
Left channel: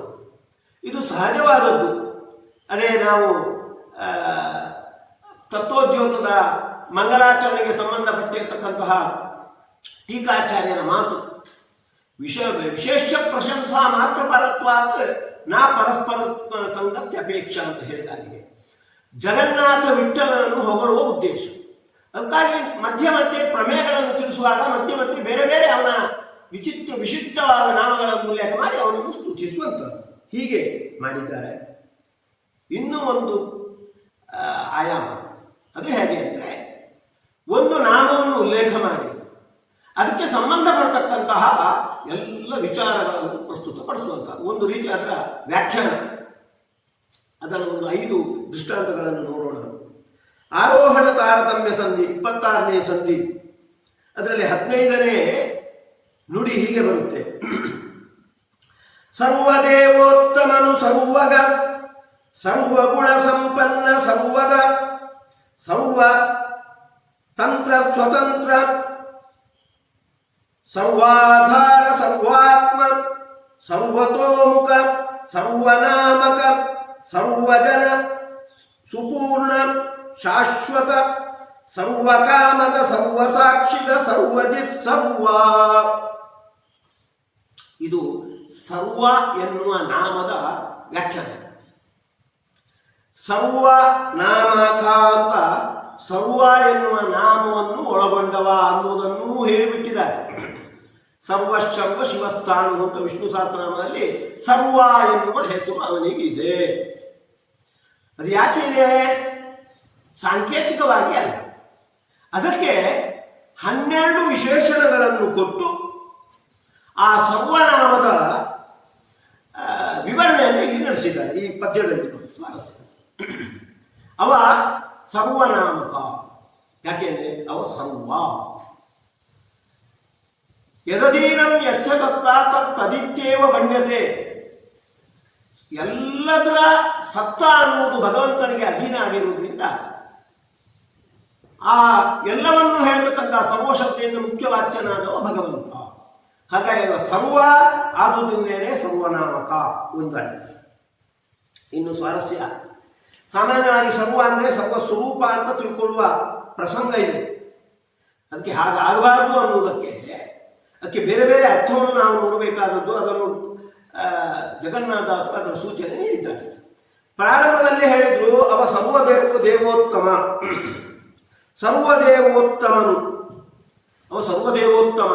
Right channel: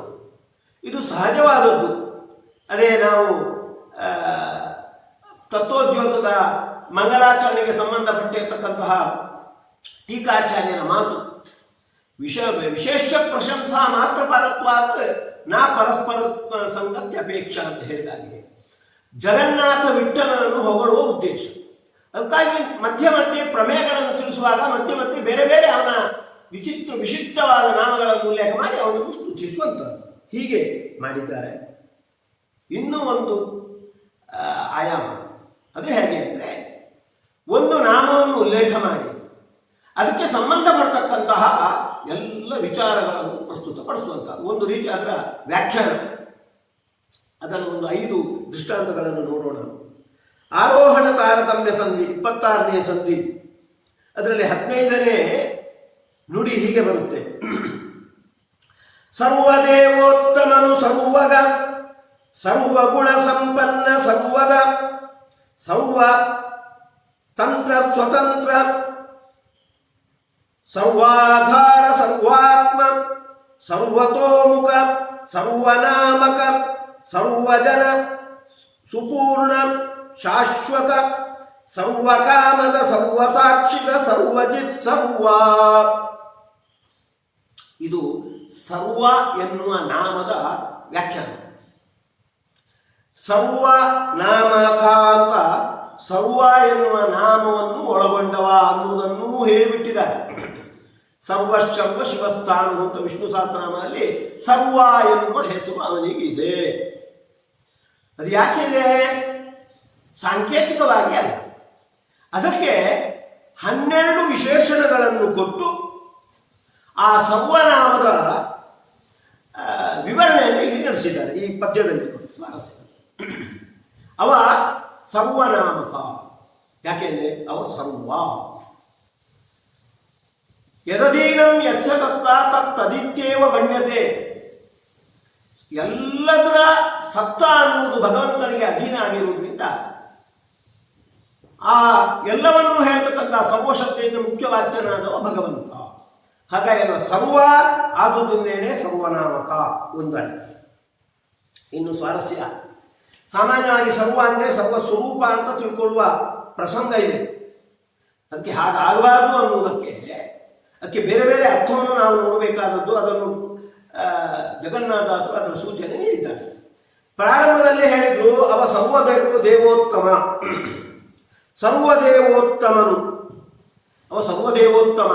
ಇದು ಸಹಜವಾದದ್ದು. ಅದೇ ನಾವು ತತ್ವೋದ್ಯೋಗದ ಮಂಗಲಾಚರಣೆಗೆ ಸಂಬಂಧಪಟ್ಟಿರತಕ್ಕಂತಹ ಟೀಕಾಚಾರ್ಯನ ಮಾತು, ವಿಶೇಷ ಪ್ರಶಂಸಾ ಮಾತ್ರ ಪರತ್ವಾತ್ ನಾ ಪರಸ್ಪರ ಸಂಗತ್ಯ ಅಪೇಕ್ಷಾ ಅಂತ ಹೇಳಿದಾಗಿದೆ. ಜಗನ್ನಾಥ ವಿಠ್ಠಲನನ್ನು ಹೊಗಳುವ ಉದ್ದೇಶ. ಅದಕ್ಕಾಗಿ ಮಧ್ಯೆ ಮಧ್ಯೆ ಪ್ರಮೇಯಗಳನ್ನು ತಿಳಿಸುವಾಗ ಮಧ್ಯೆ ಮಧ್ಯೆ ಬೇರೆ ಬೇರೆ ಅವನ ವಿಶಿಷ್ಟವಾದ ನಾಮಗಳನ್ನು ಉಲ್ಲೇಖ ಮಾಡಿ ಅವನನ್ನು ಸ್ತುತಿಸುವಂಥದ್ದು. ಹೀಗೆ ಮಾಡಿದ್ದಾರೆ. ಇನ್ನೂ ಒಂದು ಆಯಾಮ, ಅದು ಹೇಗೆ ಅಂದರೆ, ಒಂದು ನಾಮವನ್ನು ಉಲ್ಲೇಖ ಮಾಡಿ ಅದಕ್ಕೆ ಸಂಬಂಧಪಡ್ತಕ್ಕಂತಹ ಎಲ್ಲ ವಿಚಾರಗಳನ್ನು ಪ್ರಸ್ತುತಪಡಿಸುವಂಥದ್ದು ಒಂದು ರೀತಿ ಅದರ ವ್ಯಾಖ್ಯಾನ. ಅದನ್ನು ಒಂದು 5 ದೃಷ್ಟಾಂತಗಳನ್ನು ನೋಡೋಣ. ಆರೋಹಣ ತಾರತಮ್ಯ ಸಂಧಿ 26ನೇ ಸಂಧಿ, ಅದರಲ್ಲಿ 15ನೇ ನುಡಿ ಹೀಗೆ ಬರುತ್ತೆ. ಸರ್ವದೇವೋತ್ತಮನು ಸರ್ವಗ ಸರ್ವಗುಣ ಸಂಪನ್ನ ಸರ್ವದ ಸರ್ವ ತಂತ್ರ ಸ್ವತಂತ್ರ ಸರ್ವಾಧಾರ ಸರ್ವಾತ್ಮ ಸರ್ವತೋಮುಖ ಸರ್ವನಾಮಕ ಸರ್ವಜನ ಸುಪೂರ್ಣ ಶಾಶ್ವತ ಸರ್ವಕಾಮದ ಸರ್ವಸಾಕ್ಷಿಗ ಸರ್ವಜಿತ್ ಸರ್ವ. ಇದು ಸರ್ವ ಎನ್ನುವ ನಾಮದ ವ್ಯಾಖ್ಯಾನ. ಸರ್ವ ನಾಮಕ ಅಂತ ಸರ್ವ ಎನ್ನುವ ನಾಮವನ್ನು ಒಳಗೊಂಡವ ಅನ್ನುವುದನ್ನು ಹೇಳಿಬಿಟ್ಟಿದ್ದಾರೆ. ಸರ್ವಶರ್ವ ಶಿವಸ್ಥಾನು ಅಂತ ವಿಷ್ಣು ಸಹಸ್ರನಾಮದಲ್ಲಿ ಸರ್ವ ಎನ್ನುವ ಹೆಸರು ಅವನಿಗಿದೆ. ಅದು ಯಾಕಿದೆ? ಸಾಂಕೇತಿಕವಾಗಿ ಅಲ್ಲ. ಅದಕ್ಕೆ 12 ವಿಶೇಷಣಗಳನ್ನು ಕೊಟ್ಟು ಆ ಸರ್ವನಾಮದ ವಿವರಣೆಯನ್ನು ಇಲ್ಲಿ ನಡೆಸಿದ್ದಾರೆ ಈ ಪದ್ಯದಲ್ಲಿ. ಸ್ವಾರಸ್ಯ, ಅವ ಸರ್ವನಾಮಕ. ಯಾಕೆಂದ್ರೆ ಅವ ಸರ್ವ. ಯದಧೀನಂ ಯಸ್ಯ ತತ್ತ ತತ್ತದಿತ್ಯೇವ ಗಣ್ಯತೆ. ಎಲ್ಲದರ ಸತ್ತ ಅನ್ನುವುದು ಭಗವಂತನಿಗೆ ಅಧೀನ ಆಗಿರುವುದರಿಂದ ಆ ಎಲ್ಲವನ್ನೂ ಹೇಳ್ತಕ್ಕಂಥ ಸರ್ವಶಕ್ತಿಯಿಂದ ಮುಖ್ಯವಾಚ್ಯನಾದವ ಭಗವಂತ. ಹಾಗಾಗಿ ಸರ್ವ ಆದುದರಿಂದೇನೆ ಸರ್ವನಾಮಕ ಒಂದಾಗಿ. ಇನ್ನು ಸ್ವಾರಸ್ಯ, ಸಾಮಾನ್ಯವಾಗಿ ಸರ್ವ ಅಂದರೆ ಸರ್ವ ಸ್ವರೂಪ ಅಂತ ತಿಳ್ಕೊಳ್ಳುವ ಪ್ರಸಂಗ ಇದೆ. ಅದಕ್ಕೆ ಹಾಗಾಗಬಾರದು ಅನ್ನುವುದಕ್ಕೆ ಅದಕ್ಕೆ ಬೇರೆ ಬೇರೆ ಅರ್ಥವನ್ನು ನಾವು ನೋಡಬೇಕಾದದ್ದು. ಅದನ್ನು ಜಗನ್ನಾಥದಾಸರು ಅದರ ಸೂಚನೆ ನೀಡಿದ್ದಾರೆ. ಪ್ರಾರಂಭದಲ್ಲಿ ಹೇಳಿದ್ರು ಅವ ದೇವೋತ್ತಮ, ಸರ್ವದೇವೋತ್ತಮನು. ಅವ ಸರ್ವದೇವೋತ್ತಮ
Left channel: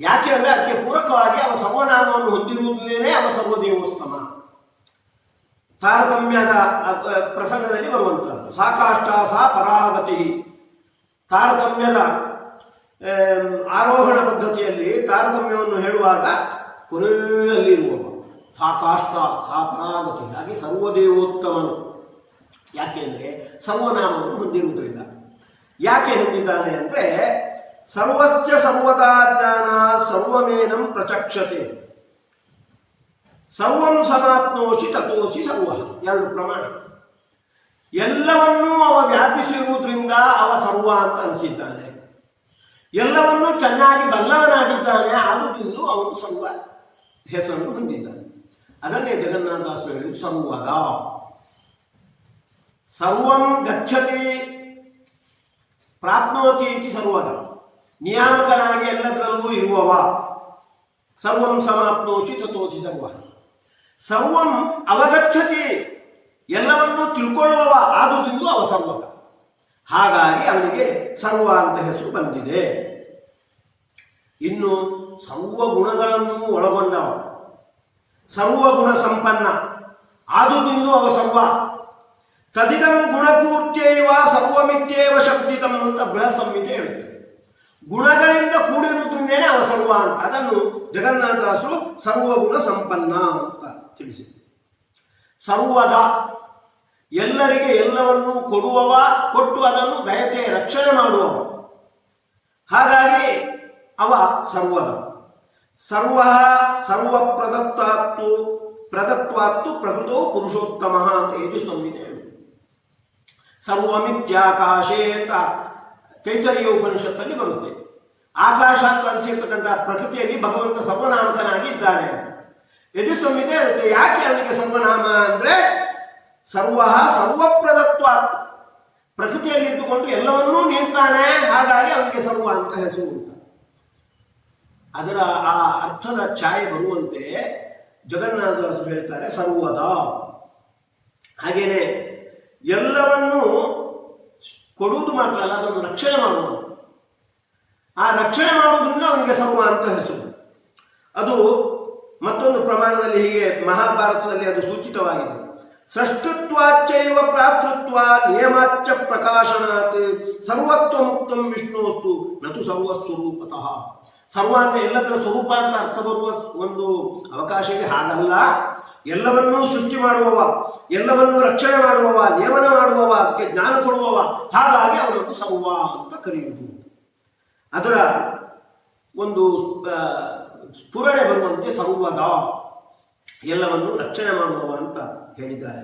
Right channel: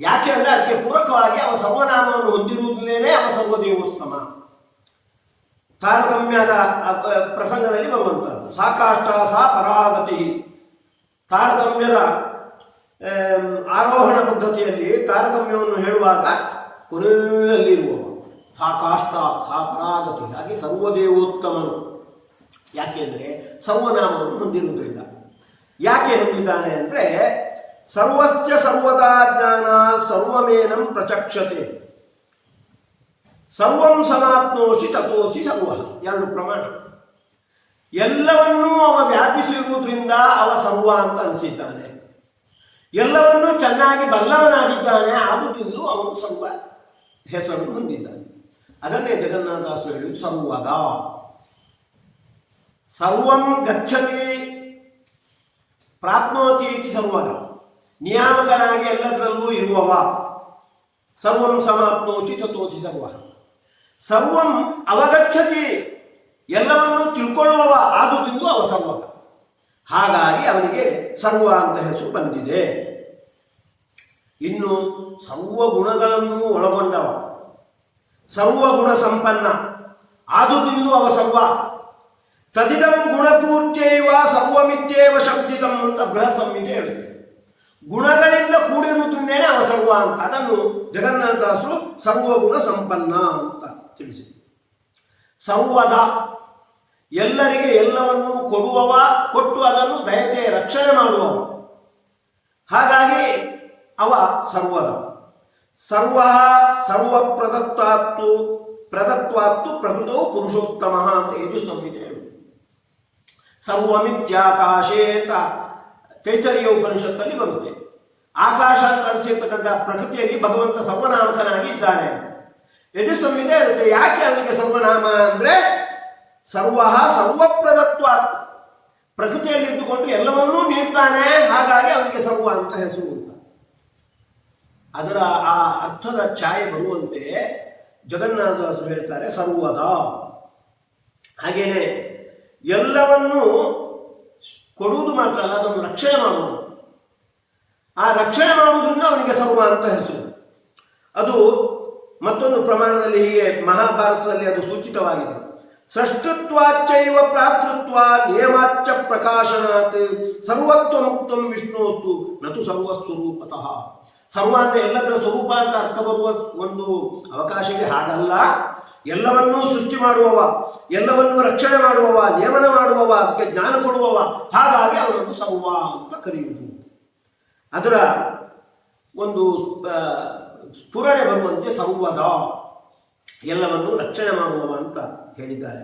ಯಾಕೆ ಅಂದರೆ ಅದಕ್ಕೆ ಪೂರಕವಾಗಿ ಅವ ಸರ್ವನಾಮವನ್ನು ಹೊಂದಿರುವುದನ್ನೇ ಅವ ಸರ್ವದೇವೋತ್ತಮ. ತಾರತಮ್ಯದ ಪ್ರಸಂಗದಲ್ಲಿ ಬರುವಂಥದ್ದು ಸಾಕಾಷ್ಟ ಸಾ ಪರಾಗತಿ. ತಾರತಮ್ಯದ ಆರೋಹಣ ಪದ್ಧತಿಯಲ್ಲಿ ತಾರತಮ್ಯವನ್ನು ಹೇಳುವಾಗ ಕೊನೆಯಲ್ಲಿರುವವ ಸಾಕಾಷ್ಟ ಸಾ ಪರಾಗತಿ. ಹಾಗೆ ಸರ್ವದೇವೋತ್ತಮನು ಯಾಕೆಂದರೆ ಸರ್ವನಾಮವನ್ನು ಹೊಂದಿರುವುದರಿಂದ. ಯಾಕೆ ಹೊಂದಿದ್ದಾನೆ ಅಂದರೆ ಸರ್ವಸ್ಯ ಸರ್ವದಾ ಜ್ಞಾನ ಸರ್ವಮೇನಂ ಪ್ರಚಕ್ಷತೆ, ಸರ್ವಂ ಸಮಾಪ್ನೋಷಿ ತಥೋಷಿ ಸರ್ವ. ಎರಡು ಪ್ರಮಾಣ. ಎಲ್ಲವನ್ನೂ ಅವ ವ್ಯಾಪಿಸಿರುವುದರಿಂದ ಅವ ಸರ್ವ ಅಂತ ಅನಿಸಿದ್ದಾನೆ. ಎಲ್ಲವನ್ನೂ ಚೆನ್ನಾಗಿ ಬಲ್ಲವನಾಗಿದ್ದಾನೆ, ಆದುದರಿಂದ ಅವನು ಸರ್ವ ಹೆಸರನ್ನು ಹೊಂದಿದ್ದಾನೆ. ಅದನ್ನೇ ಜಗನ್ನಾಥದಾಸರು ಹೇಳಿ ಸರ್ವದ. ಸರ್ವಂ ಗಚ್ಚತಿ ಪ್ರಾಪ್ನೋತಿ ಇತಿ ಸರ್ವದ. ನಿಯಾಮಕನಾಗಿ ಎಲ್ಲದರಲ್ಲೂ ಇರುವವ. ಸರ್ವಂ ಸಮಾಪ್ನೋಚಿ ತಥೋಚಿ ಸರ್ವ. ಸರ್ವಂ ಅವಗಚ್ಚತಿ, ಎಲ್ಲವನ್ನೂ ತಿಳ್ಕೊಳ್ಳುವವ, ಆದುದರಿಂದ ಅವ ಸರ್ವಕ. ಹಾಗಾಗಿ ಅವನಿಗೆ ಸರ್ವ ಅಂತ ಹೆಸರು ಬಂದಿದೆ. ಇನ್ನು ಸರ್ವಗುಣಗಳನ್ನು ಒಳಗೊಂಡವ, ಸರ್ವಗುಣ ಸಂಪನ್ನ, ಆದುದರಿಂದ ಅವ ಸರ್ವ. ತದಿದಂ ಗುಣಪೂರ್ತ್ಯೈವ ಸರ್ವಮಿತ್ಯೇವ ಶಬ್ದಿತಂ ಅಂತ ಬೃಹತ್ ಸಂಹಿತೆ ಹೇಳುತ್ತೆ. ಗುಣಗಳಿಂದ ಕೂಡಿರುವುದರಿಂದೇನೆ ಅವ ಸರ್ವ ಅಂತ. ಅದನ್ನು ಜಗನ್ನಾಥದಾಸರು ಸರ್ವಗುಣ ಸಂಪನ್ನ ಅಂತ ತಿಳಿಸಿದರು. ಸರ್ವದ, ಎಲ್ಲರಿಗೆ ಎಲ್ಲವನ್ನೂ ಕೊಡುವವ, ಕೊಟ್ಟು ಅದನ್ನು ದಯತೆ ರಕ್ಷಣೆ ಮಾಡುವವ. ಹಾಗಾಗಿ ಅವ ಸರ್ವದ. ಸರ್ವ ಸರ್ವಪ್ರದತ್ವಾತ್ತು ಪ್ರದತ್ವಾತ್ತು ಪ್ರಕೃತವು ಪುರುಷೋತ್ತಮ ಅಂತ ಇದು ಸಂಹಿತೆ ಹೇಳುವುದು. ಸರ್ವಮಿತ್ಯಾಕಾಶೇ ಅಂತ ತೈತರೀಯ ಉಪನಿಷತ್ತಲ್ಲಿ ಬರುತ್ತೆ. ಆಕಾಶ ಅಂತ ಅನಿಸಿರ್ತಕ್ಕಂಥ ಪ್ರಕೃತಿಯಲ್ಲಿ ಭಗವಂತ ಸರ್ವನಾಮಕನಾಗಿ ಇದ್ದಾನೆ. ಯಜು ಸಂಹಿತೆ ಇರುತ್ತೆ. ಯಾಕೆ ಅವನಿಗೆ ಸರ್ವನಾಮ ಅಂದರೆ ಸರ್ವ ಸರ್ವಪ್ರದತ್ವ, ಪ್ರಕೃತಿಯಲ್ಲಿ ಇದ್ದುಕೊಂಡು ಎಲ್ಲವನ್ನೂ ನೀಡ್ತಾನೆ, ಹಾಗಾಗಿ ಅವನಿಗೆ ಸರ್ವ ಅಂತ ಹೆಸರು ಅಂತ. ಅದರ ಆ ಅರ್ಥದ ಛಾಯೆ ಬರುವಂತೆ ಜಗನ್ನಾಥದಾಸರು ಹೇಳ್ತಾರೆ ಸರ್ವದ. ಹಾಗೇನೆ ಎಲ್ಲವನ್ನೂ ಕೊಡುವುದು ಮಾತ್ರ ಅಲ್ಲ, ಅದನ್ನು ರಕ್ಷಣೆ ಮಾಡುವುದು. ಆ ರಕ್ಷಣೆ ಮಾಡುವುದರಿಂದ ಅವನಿಗೆ ಸರ್ವ ಅಂತ ಹೆಸರು. ಅದು ಮತ್ತೊಂದು ಪ್ರಮಾಣದಲ್ಲಿ ಹೀಗೆ ಮಹಾಭಾರತದಲ್ಲಿ ಅದು ಸೂಚಿತವಾಗಿದೆ. ಸೃಷ್ಟತ್ವಾಚ್ಚೈವ ಪ್ರಾತೃತ್ವ ನಿಯಮಾಚ್ಚ ಪ್ರಕಾಶನಾತ್ ಸರ್ವತ್ವ ಮುಕ್ತಂ ವಿಷ್ಣುವಸ್ತು ನತು ಸರ್ವಸ್ವರೂಪತಃ. ಸರ್ವ ಅಂದರೆ ಎಲ್ಲದರ ಸ್ವರೂಪ ಅಂತ ಅರ್ಥ ಬರುವ ಒಂದು ಅವಕಾಶ ಇದೆ. ಹಾಗಲ್ಲ, ಎಲ್ಲವನ್ನೂ ಸೃಷ್ಟಿ ಮಾಡುವವ, ಎಲ್ಲವನ್ನೂ ರಕ್ಷಣೆ ಮಾಡುವವ, ನಿಯಮನ ಮಾಡುವವ, ಅದಕ್ಕೆ ಜ್ಞಾನ ಕೊಡುವವ. ಹಾಗಾಗಿ ಅವರನ್ನು ಸರ್ವ ಅಂತ ಕರೆಯುವುದು. ಅದರ ಒಂದು ಸ್ಫುರಣೆ ಬರುವಂತೆ ಸರ್ವದ, ಎಲ್ಲವನ್ನೂ ರಕ್ಷಣೆ ಮಾಡುವವ ಅಂತ ಹೇಳಿದ್ದಾರೆ.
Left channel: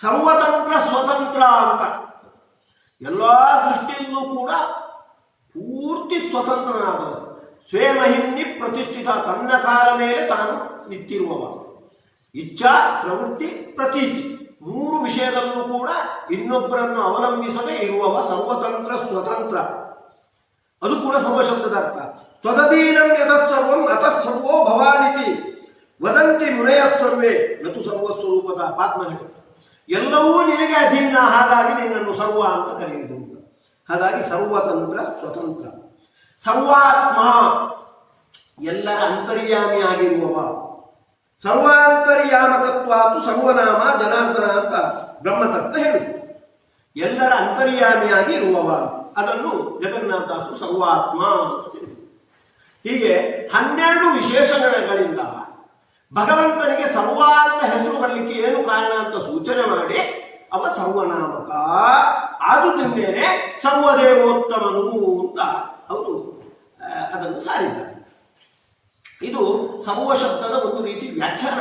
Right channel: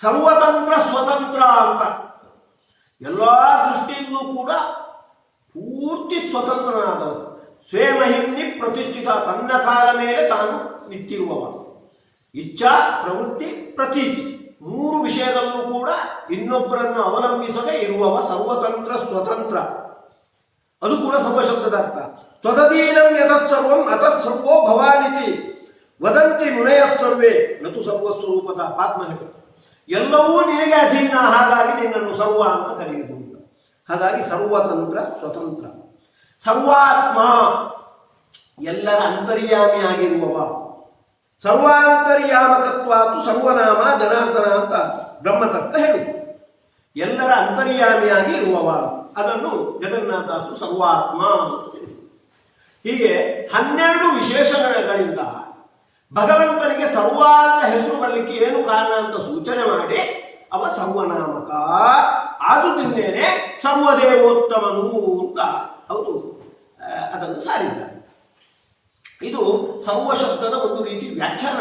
ಸರ್ವತಂತ್ರ ಸ್ವತಂತ್ರ ಅಂತ, ಎಲ್ಲ ದೃಷ್ಟಿಯಿಂದಲೂ ಕೂಡ ಪೂರ್ತಿ ಸ್ವತಂತ್ರನಾದವರು. ಸ್ವೇಮಹಿಮ್ನಿ ಪ್ರತಿಷ್ಠಿತ, ತನ್ನ ಕಾಲ ಮೇಲೆ ತಾನು ನಿಂತಿರುವವ. ಇಚ್ಛಾ, ಪ್ರವೃತ್ತಿ, ಪ್ರತೀತಿ, ಮೂರು ವಿಷಯದಲ್ಲೂ ಕೂಡ ಇನ್ನೊಬ್ಬರನ್ನು ಅವಲಂಬಿಸದೆ ಇರುವವ ಸರ್ವತಂತ್ರ ಸ್ವತಂತ್ರ. ಅದು ಕೂಡ ಸರ್ವಶಬ್ದದ ಅರ್ಥ. ತ್ವದಧೀನಂ ಯತಃಸರ್ವಂ ಅತಃಸರ್ವೋ ಭವಾನಿತಿ ವದಂತಿ ಮುನಯಃಸರ್ವೇ ನತು ಸರ್ವಸ್ವರೂಪದ. ಪಾತ್ಮ ಹೇಳು, ಎಲ್ಲವೂ ನಿನಗೆ ಅಧೀನ, ಹಾಗಾಗಿ ನಿನ್ನನ್ನು ಸರ್ವ ಅಂತ ಕರೆಯುವುದು. ಹಾಗಾಗಿ ಸರ್ವತಂತ್ರ ಸ್ವತಂತ್ರ. ಸರ್ವಾತ್ಮ, ಎಲ್ಲರ ಅಂತರ್ಯಾಮಿಯಾಗಿರುವವ. ಸರ್ವಾಂತರ್ಯಾಮಕತ್ವಾತು ಸರ್ವನಾಮ ಜನಾರ್ದನ ಅಂತ ಬ್ರಹ್ಮತತ್ವ ಹೇಳುವುದು. ಎಲ್ಲರ ಅಂತರ್ಯಾಮಿಯಾಗಿ ಇರುವವ, ಅದನ್ನು ಜಗನ್ನಾಥದಾಸರು ಸರ್ವಾತ್ಮ ಅಂತ ತಿಳಿಸಿದರು. ಹೀಗೆ 12 ವಿಶೇಷಣಗಳಿಂದ ಭಗವಂತನಿಗೆ ಸರ್ವ ಅಂತ ಹೆಸರು ಬರಲಿಕ್ಕೆ ಏನು ಕಾರಣ ಅಂತ ಸೂಚನೆ ಮಾಡಿ ಅವ ಸರ್ವನಾಮಕ, ಆದುದರಿಂದೇನೆ ಸರ್ವದೇವೋತ್ತಮನು ಅಂತ ಅವರು ಅದನ್ನು ಸಾರಿದ್ದಾರೆ. ಇದು ಸರ್ವ ಶಬ್ದದ ಒಂದು ರೀತಿ ವ್ಯಾಖ್ಯಾನ.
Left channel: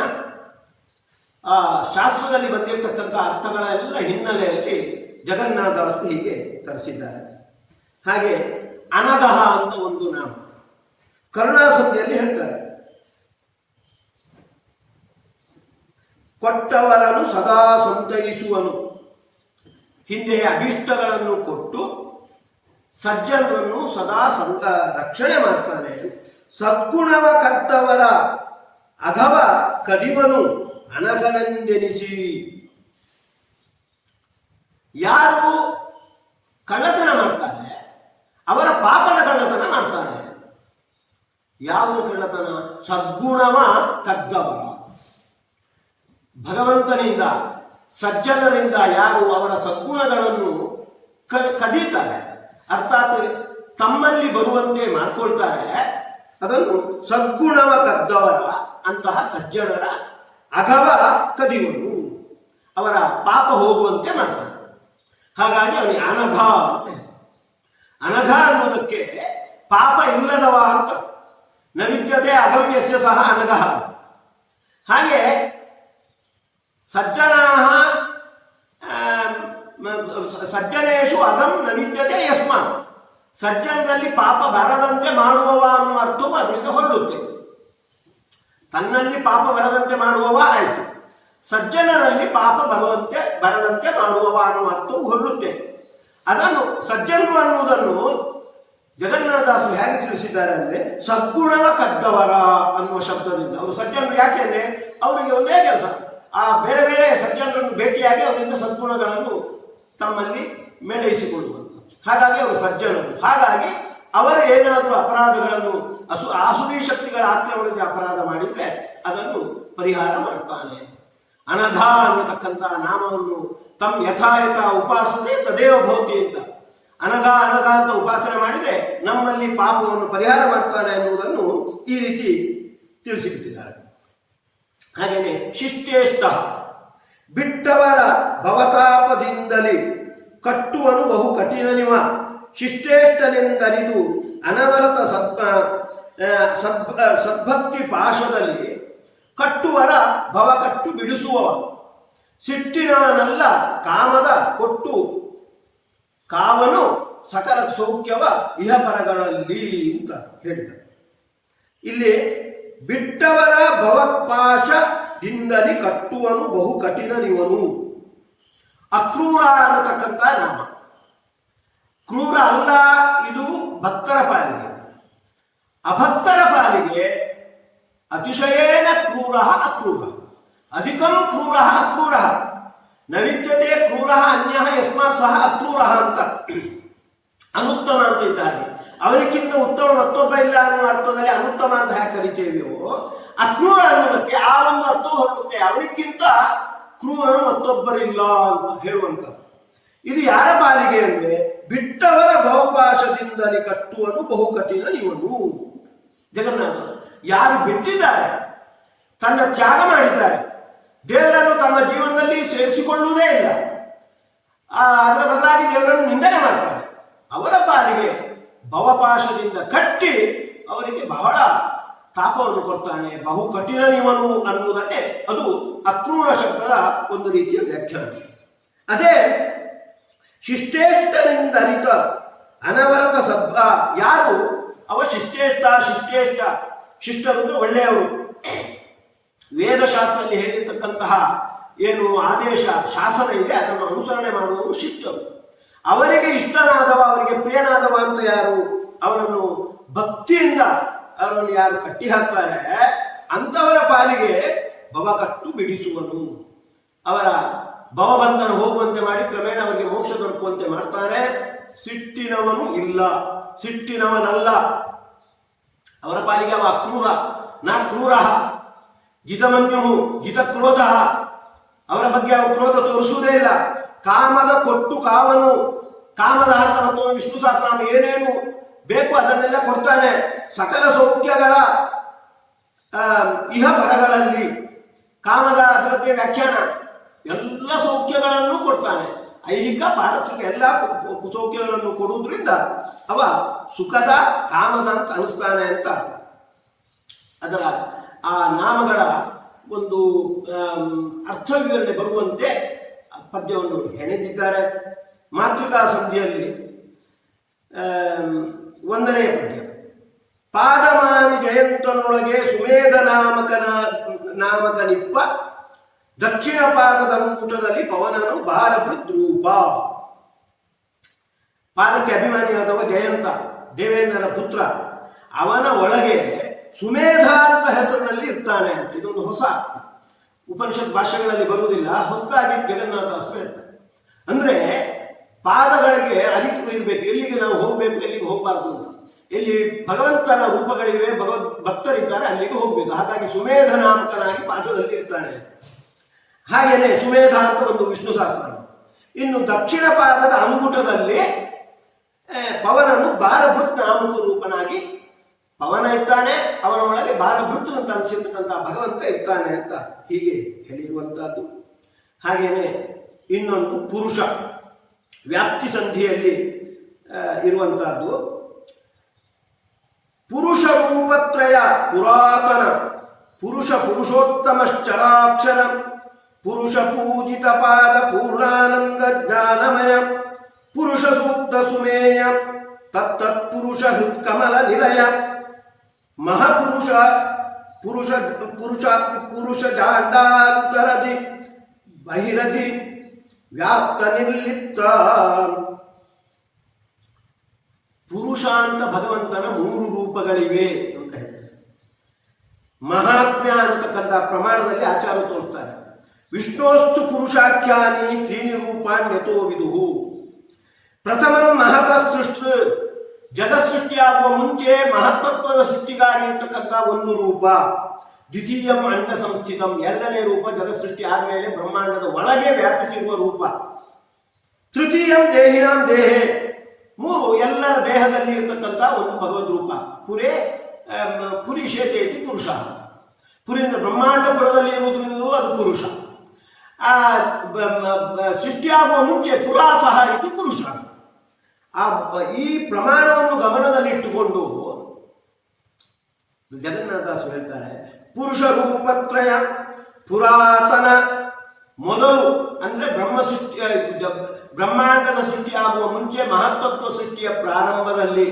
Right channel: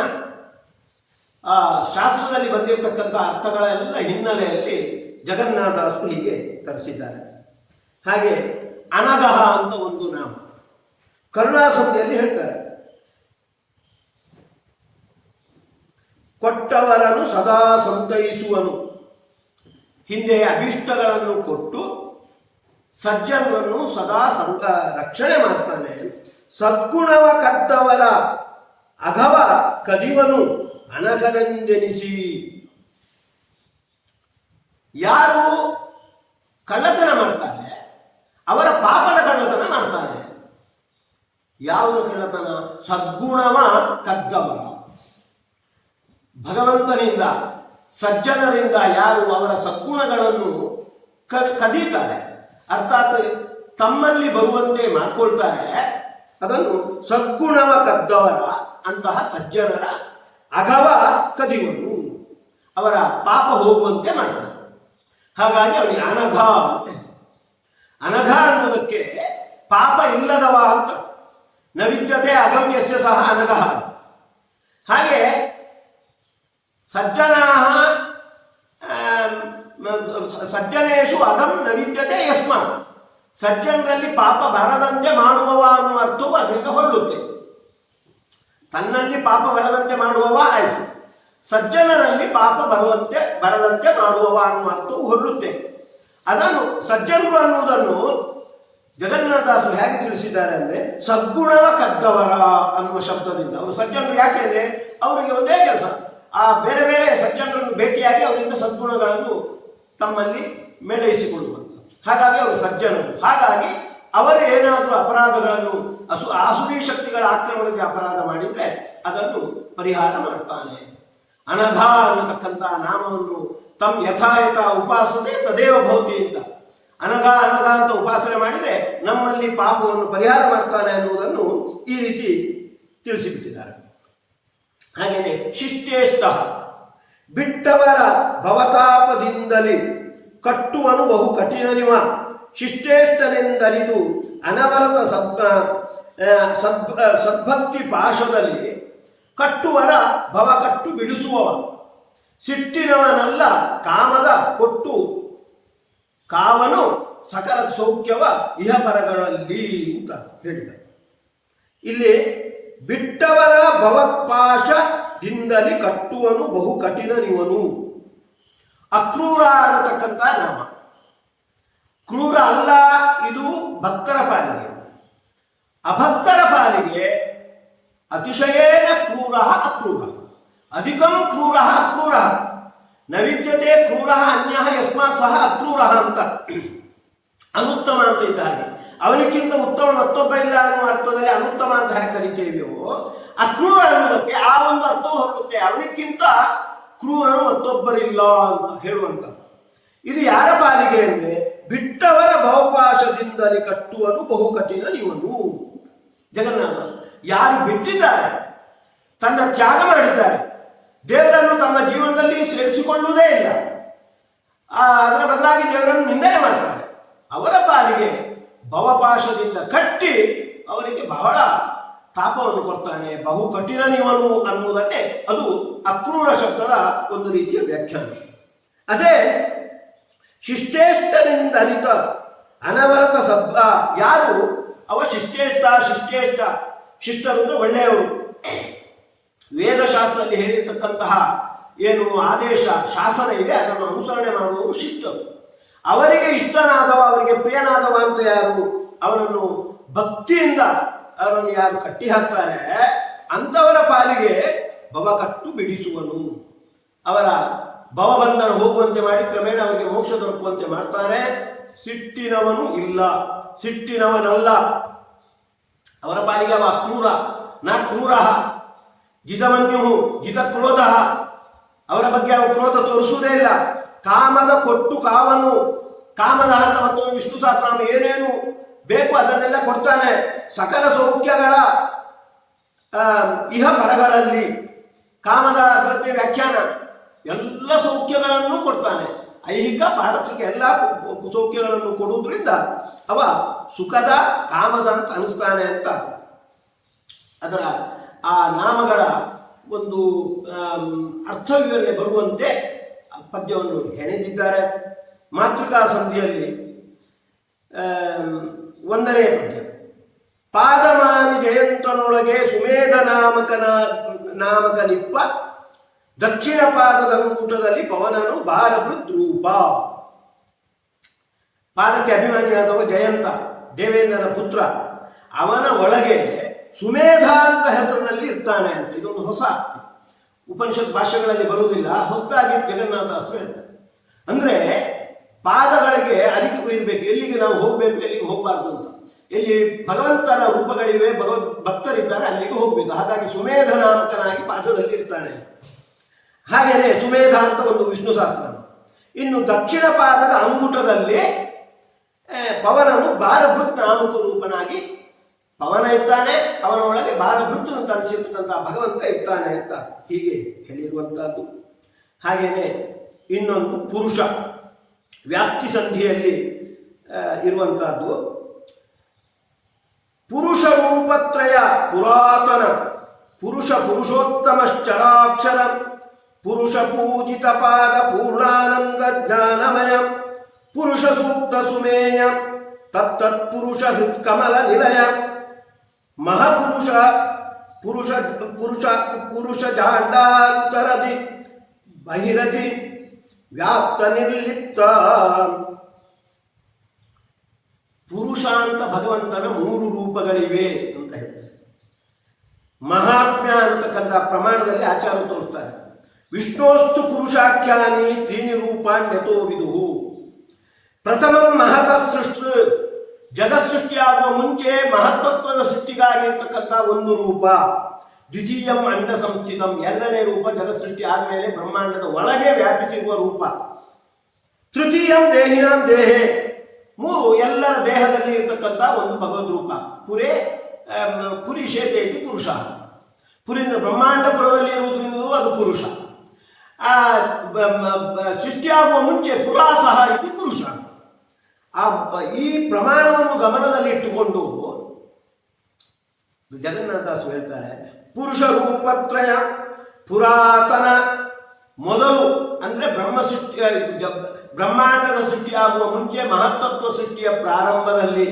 ಆ ಶಾಸ್ತ್ರದಲ್ಲಿ ಬಂದಿರತಕ್ಕಂಥ ಅರ್ಥಗಳ ಎಲ್ಲ ಹಿನ್ನೆಲೆಯಲ್ಲಿ ಜಗನ್ನಾಥದಾಸರು ಹೀಗೆ ಕರೆಸಿದ್ದಾರೆ. ಹಾಗೆ ಅನಘಃ ಅಂತ ಒಂದು ನಾಮ ಕರುಣಾಸಂಧಿಯಲ್ಲಿ ಹೇಳ್ತಾರೆ. ಕೊಟ್ಟವರನ್ನು ಸದಾ ಸಂತೈಸುವನು, ಹಿಂದೆ ಅಭೀಷ್ಟಗಳನ್ನು ಕೊಟ್ಟು ಸಜ್ಜನರನ್ನು ಸದಾ ರಕ್ಷಣೆ ಮಾಡ್ತಾನೆ. ಸದ್ಗುಣವ ಕದ್ದವರ ಅಘವ ಕದಿವನು ಅನಘನೆಂದೆನಿಸಿ. ಯಾರು ಕಳ್ಳತನ ಮಾಡ್ತಾರೆ ಅವರ ಪಾಪದ ಕಳ್ಳತನ ಮಾಡ್ತಾನೆ. ಯಾವುದು ಕಳ್ಳತನ? ಸದ್ಗುಣವ ಕದ್ದವರ, ಭಗವಂತನಿಂದ ಸಜ್ಜನರಿಂದ ಯಾರು ಅವರ ಸದ್ಗುಣಗಳನ್ನು ಕದೀತಾರೆ, ಅರ್ಥಾತ್ ತಮ್ಮಲ್ಲಿ ಬರುವಂತೆ ಮಾಡಿಕೊಳ್ತಾರೆ, ಅದನ್ನು ಸದ್ಗುಣವ ಕದ್ದವರ ಅಂತಹ ಸಜ್ಜನರ ಅಘವ ಕದಿವನು, ಅವರ ಪಾಪ ಹೋಗುವಂತೆ ಮಾಡ್ತಾನೆ. ಹಾಗಾಗಿ ಅವನಿಗೆ ಅನಘ ಅಂತ. ಅನಘ ಅನ್ನೋದಕ್ಕೆ ಪಾಪ ಇಲ್ಲದವ ಅಂತ. ನ ವಿದ್ಯತೆ ಅಗಮ್ಯಸ್ಯ ಸಹ ಅನಘ. ಹಾಗೆ ಸಜ್ಜನೇಶು ಅಗಂ ನ ವಿದ್ಯತೆ ಯಸ್ಮಾತ್. ಸಜ್ಜನರಲ್ಲಿ ಪಾಪ ಬರದಂತೆ ಮಾಡುವವ ಅನ್ನುವ ಅರ್ಥವು ಅದರಿಂದ ಹೊರಡುತ್ತೆ. ತನ್ನಲ್ಲಿ ಪಾಪ ಬರದಂತೆ ಮಾಡುವವ ಆಯಿತು, ಸಜ್ಜನರಲ್ಲಿ ಪಾಪ ಬರದಂತೆ ಮಾಡುವವ ಅನ್ನುವ ಅರ್ಥವು ಹೊರಡುತ್ತೆ. ಅದನ್ನು ಸಜ್ಜನರು ಅನ್ನುವುದನ್ನು ಜಗನ್ನಾಥದಾಸರು ಹೇಗೆ ತಿಳಿಸಿದ್ದಾರೆ ಅಂದ್ರೆ ಸದ್ಗುಣವ ಕದ್ದವರ ಅನ್ನುವ ಶಬ್ದದಿಂದ. ಅವರು ಸಜ್ಜನರು ಯಾಕೆಂದ್ರೆ ಅವರಿಗೆ ಒಂದೇ ಕೆಲಸ, ಆ ಬೇರೆ ಬೇರೆ ಸಜ್ಜನರನ್ನು ಭೇಟಿಯಾಗಿ ಅವರಿಂದ ಸದ್ಗುಣಗಳನ್ನು ತಮ್ಮಲ್ಲಿ ಮೇಳೈಸಿಕೊಳ್ಳುವುದು. ಹಾಗಾಗಿ ಅವರು ಸಜ್ಜನರು. ಹಾಗಾಗಿ ಅವರು ಏನಾದರೂ ಅಪರಾಧಗಳನ್ನು ಆಸುರಿ ಶಕ್ತಿಗಳ ಆಕ್ರಮಣಕ್ಕೆ ಅಪರಾಧ ಮಾಡಿದ್ರೆ ಅದನ್ನು ಪರಿಹಾರ ಮಾಡ್ತಾನೆ. ಅನಘ ಅನ್ನತಕ್ಕಂಥ ನಾಮವನ್ನು ತಮ್ಮ ಯಥಾಯಥ ಉಪಾಸನೆ ತದೇವ ಭವತಿ ಅಂತ. ಅನಘ ಅನಘ ಅಂತ ಉಪಾಸನೆ ಮಾಡಿದರೆ ನಮ್ಮಲ್ಲಿ ಪಾಪವನ್ನು ಪರಿಹಾರ ಮಾಡ್ತಾನೆ ಅನ್ನುವುದನ್ನು ಈ ರೀತಿ ತಿಳಿಸಿಬಿಟ್ಟಿದ್ದಾರೆ. ಹಾಗೇನೆ ಶಿಷ್ಟೇಷ್ಟ ಬಿಟ್ಟವರ ಭವತಾಪದಿಂದಲೇ ಕಟ್ಟುವನು ಬಹು ಕಠಿಣನಿವ. ಶಿಷ್ಟೇಷ್ಟನೆಂದರಿದು ಅನವರತ ಸದ್ಭಕ್ತಿ ಪಾಶದಲ್ಲಿ ಕಟ್ಟುವರ ಭವ ಕಟ್ಟು ಬಿಡಿಸುವವ. ಸಿಟ್ಟಿನವನಲ್ಲ ಕಾಮದ ಕೊಟ್ಟು ಕಾವನು ಸಕಲ ಸೌಖ್ಯವ ಇಹಪರಗಳಲ್ಲಿ ಅಂತ ಹೇಳಿದ. ಇಲ್ಲಿ ಬಿಟ್ಟವರ ಭವಪಾಶದಿಂದಲೇ ಕಟ್ಟುವನು ಬಹು ಕಠಿಣನಿವನು. ಅಕ್ರೂರ ಅನ್ನತಕ್ಕಂಥ ನಾಮ. ಕ್ರೂರ ಅಲ್ಲ, ಇದು ಭಕ್ತರ ಪಾಲಿಗೆ. ಅಭಕ್ತರ ಪಾಲಿಗೆ ಅತಿಶಯೇನ ಕ್ರೂರ ಅಕ್ರೂರ, ಅಧಿಕಂ ಕ್ರೂರ ಅಕ್ರೂರ. ನ ವಿದ್ಯತೆ ಕ್ರೂರ ಅನ್ಯ ಯಸ್ಮಾತ್ ಸಹ ಅಕ್ರೂರ ಅಂತ. ಅನುತ್ತಮ ಅಂತ ಇದ್ದಾರೆ. ಅವನಿಗಿಂತ ಉತ್ತಮ ಮತ್ತೊಬ್ಬ ಇಲ್ಲ ಅನ್ನುವ ಅರ್ಥದಲ್ಲಿ ಅನುತ್ತಮ ಅಂತ ಹೇಗೆ ಕರಿತೇವೆಯೋ, ಅಕ್ರೂರ ಅನ್ನೋದಕ್ಕೆ ಆ ಒಂದು ಅರ್ಥ ಹೊರಡುತ್ತೆ. ಅವನಿಗಿಂತ ಕ್ರೂರನು ಮತ್ತೊಬ್ಬರಿಲ್ಲ ಅಂತ ಹೇಳುವಂಥದ್ದು. ಇದು ಯಾರ ಪಾಲಿಗೆ ಅಂದ್ರೆ ಬಿಟ್ಟವರ ಭವಪಾಶದಿಂದಲೇ ಕಟ್ಟುವನು ಬಹು ಕಠಿಣ ಇವನು. ಜಗನ್ನಾಥ ಯಾರು ಬಿಟ್ಟಿದ್ದಾರೆ, ತನ್ನ ತ್ಯಾಗ ಮಾಡಿದ್ದಾರೆ, ದೇವರನ್ನು ತಮ್ಮ ಜೀವನದಲ್ಲಿ ಸೇರಿಸಿಕೊಳ್ಳುವುದೇ ಇಲ್ಲ, ಅದರ ಬದಲಾಗಿ ದೇವರನ್ನು ನಿಂದನೆ ಮಾಡ್ತಾರೆ, ಅವರ ಪಾಲಿಗೆ ಭವಪಾಶದಿಂದ ಕಟ್ಟಿ ಅವರಿಗೆ ಬಹಳ ತಾಪವನ್ನು ಕೊಡ್ತಾನೆ. ಬಹು ಕಠಿಣನಿವನು ಅನ್ನುವುದನ್ನೇ ಅದು ಅಕ್ರೂರ ಶಬ್ದದ ಒಂದು ರೀತಿಯ ವ್ಯಾಖ್ಯಾನ. ಅದೇ ಶಿಷ್ಟೇಷ್ಟನಿಂದ ಅರಿತ ಅನವರತ ಸದ್ಭ. ಯಾರು ಅವ ಶಿಷ್ಟೇಷ್ಟ ಶಿಷ್ಟರು ಅಂದ್ರೆ ಒಳ್ಳೆಯವರು. ವೇದಶಾಸ್ತ್ರದಲ್ಲಿ ಹೇಳಿರ್ತಕ್ಕಂತಹ ಏನು ಆದೇಶ ಶಾಸನ ಇದೆ ಅದನ್ನು ಅನುಸರಣೆ ಮಾಡುವವರು ಶಿಷ್ಟರು. ಅವರಿಗೆ ಇಷ್ಟನಾದವ, ಅವರಿಗೆ ಪ್ರಿಯನಾದವ ಅಂತ ಯಾರು, ಅವರನ್ನು ಭಕ್ತಿಯಿಂದ ಅವರನ್ನು ಯಾರು ಕಟ್ಟಿ ಹಾಕ್ತಾರೆ ಅಂತವರ ಪಾಲಿಗೆ ಭವ ಕಟ್ಟು ಬಿಡಿಸುವನು. ಅವರ ಭವಬಂಧನ ಹೋಗುವಂತೆ ಮಾಡಿ ಕ್ರಮೇಣ ಅವರಿಗೆ ಮೋಕ್ಷ ದೊರಕುವಂತೆ ಮಾಡ್ತಾರೆ. ಸಿಟ್ಟಿನವನು ಇಲ್ಲ, ಸಿಟ್ಟಿನವನಲ್ಲ. ಅವರ ಪಾಲಿಗೆ ಅವ ಅಕ್ರೂರ ನ ಕ್ರೂರ. ಜಿತಮನ್ಯು ಜಿತ ಕ್ರೋಧ. ಅವರ ಬಗ್ಗೆ ಅವ ಕ್ರೋಧ ತೋರಿಸುವುದೇ ಇಲ್ಲ. ಕಾಮದ ಕೊಟ್ಟು ಕಾವನು. ಕಾಮದ ಅರ್ಥ ಮತ್ತು ವಿಷ್ಣು ಸಹಸ್ರನಾಮ ಏನೇನು ಬೇಕು ಅದನ್ನೆಲ್ಲ ಕೊಡ್ತಾನೆ. ಸಕಲ ಸೌಖ್ಯಗಳ ಇಹ ಪರಗಳಲ್ಲಿ ಕಾಮದ ಅದರದ್ದೇ ವ್ಯಾಖ್ಯಾನ. ಎಲ್ಲ ಸೌಖ್ಯಗಳನ್ನು ಕೊಡ್ತಾನೆ. ಐಹಿಕ ಪಾರತ್ರಿಕ ಎಲ್ಲ ಸೌಖ್ಯಗಳನ್ನು ಕೊಡುವುದರಿಂದ ಅವ ಸುಖದ ಕಾಮದ ಅಂತ ಅನಿಸ್ತಾನೆ ಅಂತ ಅದರ ಆ ನಾಮಗಳ ಒಂದು ಅರ್ಥ ವಿವರಣೆ ಬರುವಂತೆ ಪದ್ಯವನ್ನು ಹೆಣೆದಿದ್ದಾರೆ. ಮಾತೃಕಾ ಸಂಧಿಯಲ್ಲಿ 1ನೇ ಪದ್ಯ. ಪಾದಮಾನಿ ಜಯಂತನೊಳಗೆ ಸುಮೇಧ ನಾಮಕ ನಿಪ್ಪ ದಕ್ಷಿಣ ಪಾದದ ಅಂಗುಟದಲ್ಲಿ ಪವನನು ಭಾರಭೃದ್ರೂಪ. ಪಾದಕ್ಕೆ ಅಭಿಮಾನಿಯಾದವ ಜಯಂತ, ದೇವೇಂದ್ರನ ಪುತ್ರ. ಅವನ ಒಳಗೆ ಸುಮೇಧ ಅಂತ ಹೆಸರಿನಲ್ಲಿ ಇರ್ತಾನೆ ಅಂತ. ಇದೊಂದು ಹೊಸ ಉಪನಿಷತ್ ಭಾಷೆಗಳಲ್ಲಿ ಬರುವುದಿಲ್ಲ, ಹೊಸದಾಗಿ ಜಗನ್ನಾಥದಾಸರು ಹೇಳ್ತಾರೆ. ಅಂದ್ರೆ ಪಾದಗಳಿಗೆ ಅರಿವು ಇರಬೇಕು, ಎಲ್ಲಿಗೆ ನಾವು ಹೋಗ್ಬೇಕು, ಎಲ್ಲಿಗೆ ಹೋಗಬಾರ್ದು ಅಂತ. ಎಲ್ಲಿ ಭಗವಂತನ ರೂಪಗಳಿವೆ, ಭಕ್ತರಿದ್ದಾರೆ, ಅಲ್ಲಿಗೆ ಹೋಗ್ಬೇಕು. ಹಾಗಾಗಿ ಸುಮೇಧ ನಾಮಕನಾಗಿ ಪಾದದಲ್ಲಿ ಇರ್ತಾನೆ. ಹಾಗೇನೆ ಸುಮೇಧ ಅಂತ ಒಂದು ವಿಷ್ಣು ಸಹಸ್ರ. ಇನ್ನು ದಕ್ಷಿಣ ಪಾದದ ಅಂಗುಟದಲ್ಲಿ ಪವನನು ಭಾರಭೃತ್ ನಾಮಕ ರೂಪನಾಗಿ ಪವನ ಇರ್ತಾನೆ. ಅವನ ಒಳಗೆ ಭಾರಭೃತ್ ಅಂತ ಅನಿಸಿರ್ತಕ್ಕಂಥ ಭಗವಂತ ಇರ್ತಾನೆ ಅಂತ ಹೀಗೆ ಹೇಳಿರುವಂತಹದ್ದು. ಹಾಗೇನೆ ಇನ್ನೊಂದು ಪುರುಷ ವ್ಯಾಪ್ತಿ ಸಂಧಿಯಲ್ಲಿ ಇರುವಂತಹದ್ದು. ಪುರುಷ ರೂಪತ್ರಯ ಪುರಾತನ ಪುರುಷ ಪುರುಷೋತ್ತಮಶ್ಚರಾಕ್ಷರ ಪುರುಷ ಪೂಜಿತ ಪಾದ ಪೂರ್ಣಾನಂದ ಜ್ಞಾನಮಯ ಪುರುಷ ಸೂಕ್ತ ಸುಮೇಯ ತತ್ತತ್ಪುರುಷ ಹೃತ್ಕಮಲ ನಿಲಯ ಮಹಾಪುರುಷ ಪುರುಷ ಪುರುಷ ಪುರುಷ ಜಾಂಡಾಂತರದಿ ಬಹಿರದಿ ವ್ಯಾಪ್ತ ನಿರ್ಲಿಪ್ತ. ಪುರುಷ ಅಂತ ಭಗವಂತನ 3 ರೂಪಗಳಿವೆ ಅಂತ ಹೇಳ್ತಾರೆ. ಮಹಾತ್ಮ್ಯ ಅನ್ನತಕ್ಕಂಥ ಪ್ರಮಾಣದಲ್ಲಿ ಆಚಾರ ತೋರಿಸ್ತಾರೆ. ವಿಷ್ಣೋಸ್ತು ಪುರುಷಾಖ್ಯಾನಿ 3 ರೂಪಾಣ್ಯತೋ ವಿದುಹು. ಪ್ರಥಮಂ ಮಹತ ಸೃಷ್ಟಿ, ಜಗತ್ಸೃಷ್ಟಿಯಾಗುವ ಮುಂಚೆ ಮಹತ್ತತ್ವದ ಸೃಷ್ಟಿಗಾಗಿ ಇರ್ತಕ್ಕಂಥ 1 ರೂಪ. ದ್ವಿತೀಯಂ ಅಂಡ ಸಂಸ್ಥಿತಂ, 2ನೇ ರೂಪ ಜಗತ್ಸೃಷ್ಟಿ ಆದಮೇಲೆ ಬ್ರಹ್ಮಾಂಡದ ಒಳಗೆ ವ್ಯಾಪಿಸಿರುವ ರೂಪ. ತೃತೀಯಂ ದೇಹಿನಾಂ ದೇಹೆ, 3 ಎಲ್ಲರ ದೇಹದಲ್ಲಿ ಇರತಕ್ಕಂಥ ಒಂದು ಭಗವದ್ ರೂಪ. ಪುರಿ ಶೇತೆ ಇತಿ ಪುರುಷ. ಪುರಿಂದ ಬ್ರಹ್ಮಾಂಡಪುರದಲ್ಲಿ ಇರುವುದರಿಂದ ಅದು ಪುರುಷ. ಸೃಷ್ಟಿಯಾಗುವ ಮುಂಚೆ ಪುರಾಸಹ ಇತಿ ಪುರುಷ. ಈ ಪ್ರಮಾಣವನ್ನು ಗಮನದಲ್ಲಿ ಇಟ್ಟುಕೊಂಡು ಜಗನ್ನಾಥದಾಸರು ಹೇಳ್ತಾರೆ, ಪುರುಷ ರೂಪತ್ರಯ ಪುರಾತನ, ಮೊದಲು ಅಂದ್ರೆ ಬ್ರಹ್ಮಾಂಡದ ಸೃಷ್ಟಿಯಾಗುವ ಮುಂಚೆ ಮಹತ್ತತ್ವ ಸೃಷ್ಟಿಯ ಪ್ರಾರಂಭದಲ್ಲಿ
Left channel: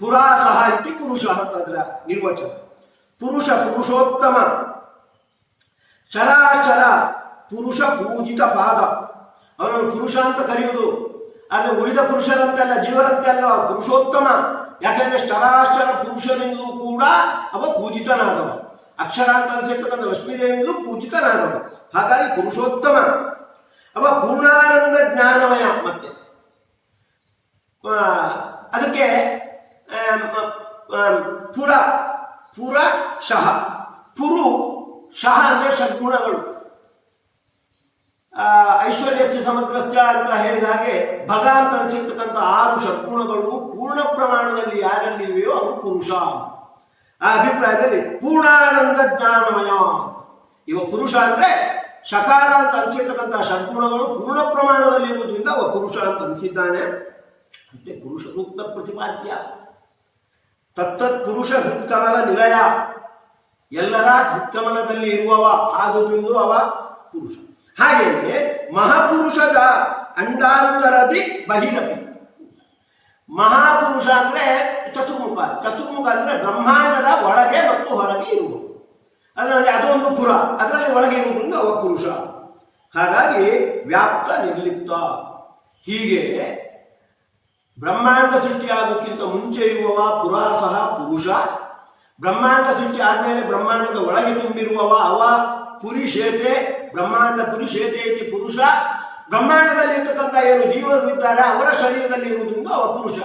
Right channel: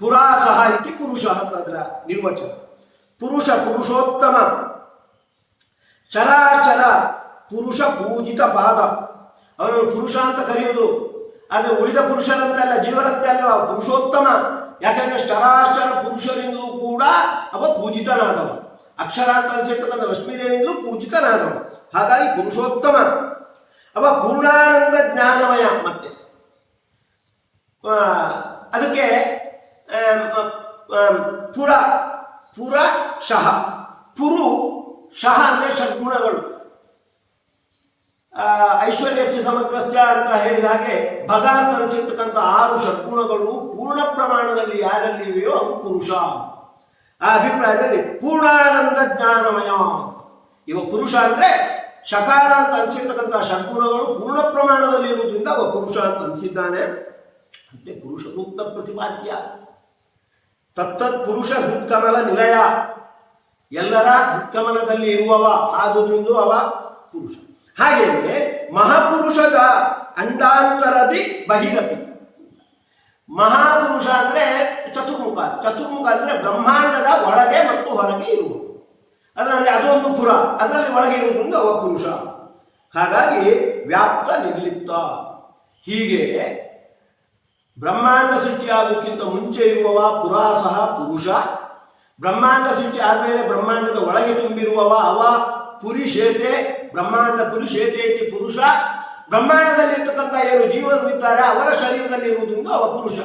ಪುರಾಸಹ ಇತಿ ಪುರುಷ ಅಂತಂದ್ರ ನಿರ್ವಚನ. ಪುರುಷ ಪುರುಷೋತ್ತಮ, ಚರಾಚರ ಪುರುಷ ಪೂಜಿತ ಪಾದ. ಅವನನ್ನು ಪುರುಷ ಅಂತ ಕರೆಯುವುದು. ಆದರೆ ಉಳಿದ ಪುರುಷರಂತೆಲ್ಲ, ಜೀವರಂತೆಲ್ಲ ಪುರುಷೋತ್ತಮ. ಯಾಕಂದ್ರೆ ಚರಾಚರ ಪುರುಷರಿಂದಲೂ ಕೂಡ ಅವ ಪೂಜಿತನಾದವ. ಅಕ್ಷರ ಅಂತ ಅನ್ಸಿರ್ತಕ್ಕಂಥ ಲಕ್ಷ್ಮೀದೇವಿಯಿಂದಲೂ ಪೂಜಿತನಾದವ. ಹಾಗಾಗಿ ಪುರುಷೋತ್ತಮ. ಅವ ಪೂರ್ಣಾನಂದ ಜ್ಞಾನಮಯ. ಮತ್ತೆ ಅದಕ್ಕೆ ಪುರ ಶಹ. ಪುರು ಶಹ ಅಂದ್ರೆ ಷಡ್ಗುಣಗಳು. ಐಶ್ವರ್ಯಸ್ಯ ಸಮಗ್ರಸ್ಯ ಅಂತ ಹೇಳಿದ ಹಾಗೆ ಭಗ ಅಂತ ಅನಿಸಿರ್ತಕ್ಕಂಥ 6 ಷಡ್ಗುಣಗಳು ಪೂರ್ಣ ಪ್ರಮಾಣದಲ್ಲಿ ಯಾರಲ್ಲಿ ಇವೆಯೋ ಅದು ಪುರುಷ. ಆ ಅಭಿಪ್ರಾಯದಲ್ಲಿ ಪೂರ್ಣಾನಂದ ಜ್ಞಾನಮಯ. ಇವ ಪುರುಷ ಅಂದ್ರೆ ಶಕಾರ ಅಂತ ಅನಿಸಿರ್ತಕ್ಕಂಥ ಷಡ್ಗುಣಗಳು ಪೂರ್ಣ ಪ್ರಮಾಣದಲ್ಲಿ ಇರುವುದರಿಂದ ಅವ ಪುರುಷ ಅಂತ ಅನಿಸಿದ್ದಾನೆ. ಮತ್ತೆ ಪುರುಷ ಸೂಕ್ತ ಪ್ರತಿಪಾದ್ಯ. ತತ್ತತ್ ಪುರುಷ ಹೃತ್ಕಮಲ ನಿಲಯ, ಎಲ್ಲರ ಹೃತ್ಕಮಲದಲ್ಲಿ ಇರುವವ ಆದುದರಿಂದ ಅವ ಪುರುಷ. ಹಾಗೆಯೇ ಮಹಾಪುರುಷದ ಅಂಡಾಂತರದಿ ಬಹಿರಪಿ. ಮಹಾಪುರುಷ ಅಂದ್ರೆ ಚತುರ್ಮುಖ. ಚತುರ್ಮುಖ ಅಂದ್ರೆ ಬ್ರಹ್ಮಾಂಡದ ಒಳಗೆ ಮತ್ತು ಹೊರಗೆ ಇರುವ, ಅದರಲ್ಲಿ ಅದೊಂದು ಪುರ, ಅದರಲ್ಲಿ ಒಳಗೆ ಇರುವುದರಿಂದ ಅವ ಪುರುಷ. ಹಾಗಾಗಿ ವ್ಯಾಪ್ತ ನಿರ್ಲಿಪ್ತ. ಹೀಗೆ ಬ್ರಹ್ಮಾಂಡ ಸೃಷ್ಟಿಯಾಗೋಕ್ಕಿಂತ ಮುಂಚೆ ಇರುವವ ಪುರಾಸಹ ಪುರುಷ. ಬ್ರಹ್ಮಾಂಡ ಸೃಷ್ಟಿ ಆದ್ಮೇಲೆ ಬ್ರಹ್ಮಾಂಡದ ಒಳಗೆ ತುಂಬಿರುವವ ಅವ ಪುರಿಶೇತೆ. ಬ್ರಹ್ಮಾಂಡ ಪುರಿಶೇತೆ ಇತಿ ಪುರುಷ. ಬ್ರಹ್ಮಾಂಡದಲ್ಲಿ ಇರ್ತಕ್ಕಂಥ ಏನು ಜೀವರು ಇದ್ದಾರೆ ಅವರ ಶರೀರದಲ್ಲಿ ಇರುವುದರಿಂದ ಅವ ಪುರುಷ.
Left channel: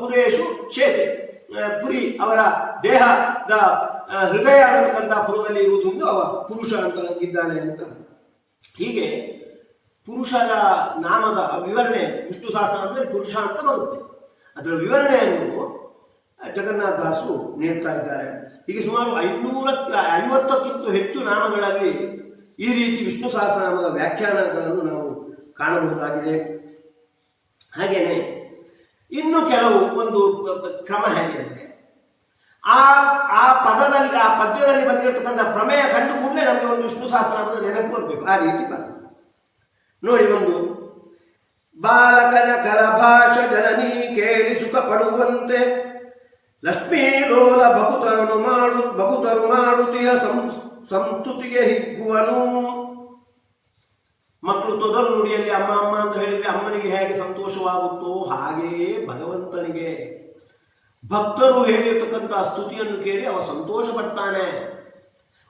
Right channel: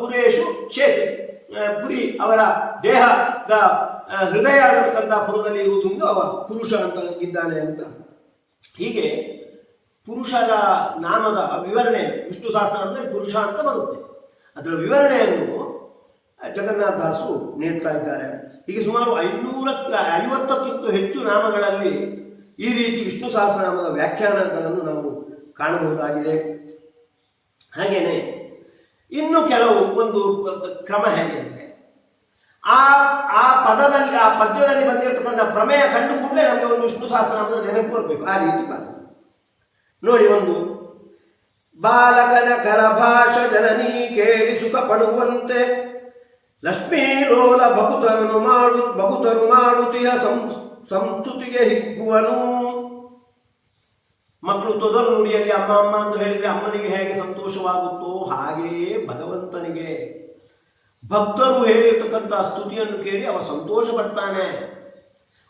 ಪುರೇಶು ಶೇತೆ, ಪುರಿ ಅವರ ದೇಹದ ಹೃದಯ ಅನ್ನತಕ್ಕಂಥ ಪುರದಲ್ಲಿ ಇರುವುದರಿಂದ ಅವ ಪುರುಷ ಅಂತ ಇದ್ದಾನೆ ಅಂತ. ಹೀಗೆ ಪುರುಷರ ನಾಮದ ವಿವರಣೆ ವಿಷ್ಣು ಸಹಸ್ರ ಅಂದರೆ ಪುರುಷ ಅಂತ ಬರುತ್ತೆ. ಅದರ ವಿವರಣೆಯನ್ನು ಜಗನ್ನಾಥದಾಸರು ನೀಡ್ತಾ ಇದ್ದಾರೆ. ಹೀಗೆ ಸುಮಾರು 550ಕ್ಕಿಂತ ಹೆಚ್ಚು ನಾಮಗಳಲ್ಲಿ ಈ ರೀತಿ ವಿಷ್ಣು ಸಹಸ್ರನಾಮದ ವ್ಯಾಖ್ಯಾನಗಳನ್ನು ನಾವು ಕಾಣಬಹುದಾಗಿದೆ. ಹಾಗೇನೆ ಇನ್ನು ಕೆಲವು ಒಂದು ಕ್ರಮ ಹೇಗೆ ಅಂದರೆ, ಆ ಆ ಪದದಲ್ಲಿ ಆ ಪದ್ಯದಲ್ಲಿ ಬಂದಿರತಕ್ಕಂಥ ಪ್ರಮೇಯ ಕಂಡು ಕೂಡಲೇ ನಮಗೆ ಒಂದು ವಿಷ್ಣು ಸಹಸ್ರನಾಮದ ನೆನಪು ಬರಬೇಕು. ಆ ರೀತಿ ಬರ್ತದೆ ನೋಡಿ. ಒಂದು ಬಾಲಕನ ಕರಭಾಷ ಜನನಿ ಕೇಳಿ ಸುಖ ಪಡುವಂತೆ ಲಕ್ಷ್ಮೀ ಲೋಲ ಬಗುತರು ಮಾಡುತ್ತಿಯ ಸಂಸ್ತುತಿಗೆ ಹಿಗ್ಗುವನು. ಮಕ್ಕಳು ತೊದಲು ನುಡಿಯಲ್ಲಿ ಅಮ್ಮ ಅಮ್ಮ ಅಂತ ಹೇಳಿದ್ರೆ ಅಮ್ಮನಿಗೆ ಹೇಗೆ ಸಂತೋಷವಾಗುತ್ತೋ ಹಾಗೆಯೇ ಭಗವಂತನಿಗೆ ಭಕ್ತರು ಹೇಳಿರ್ತಕ್ಕಂಥ ಸ್ತುತಿಯನ್ನು ಕೇಳಿ ಅವ ಸಂತೋಷ ಪಡ್ತಾನೆ.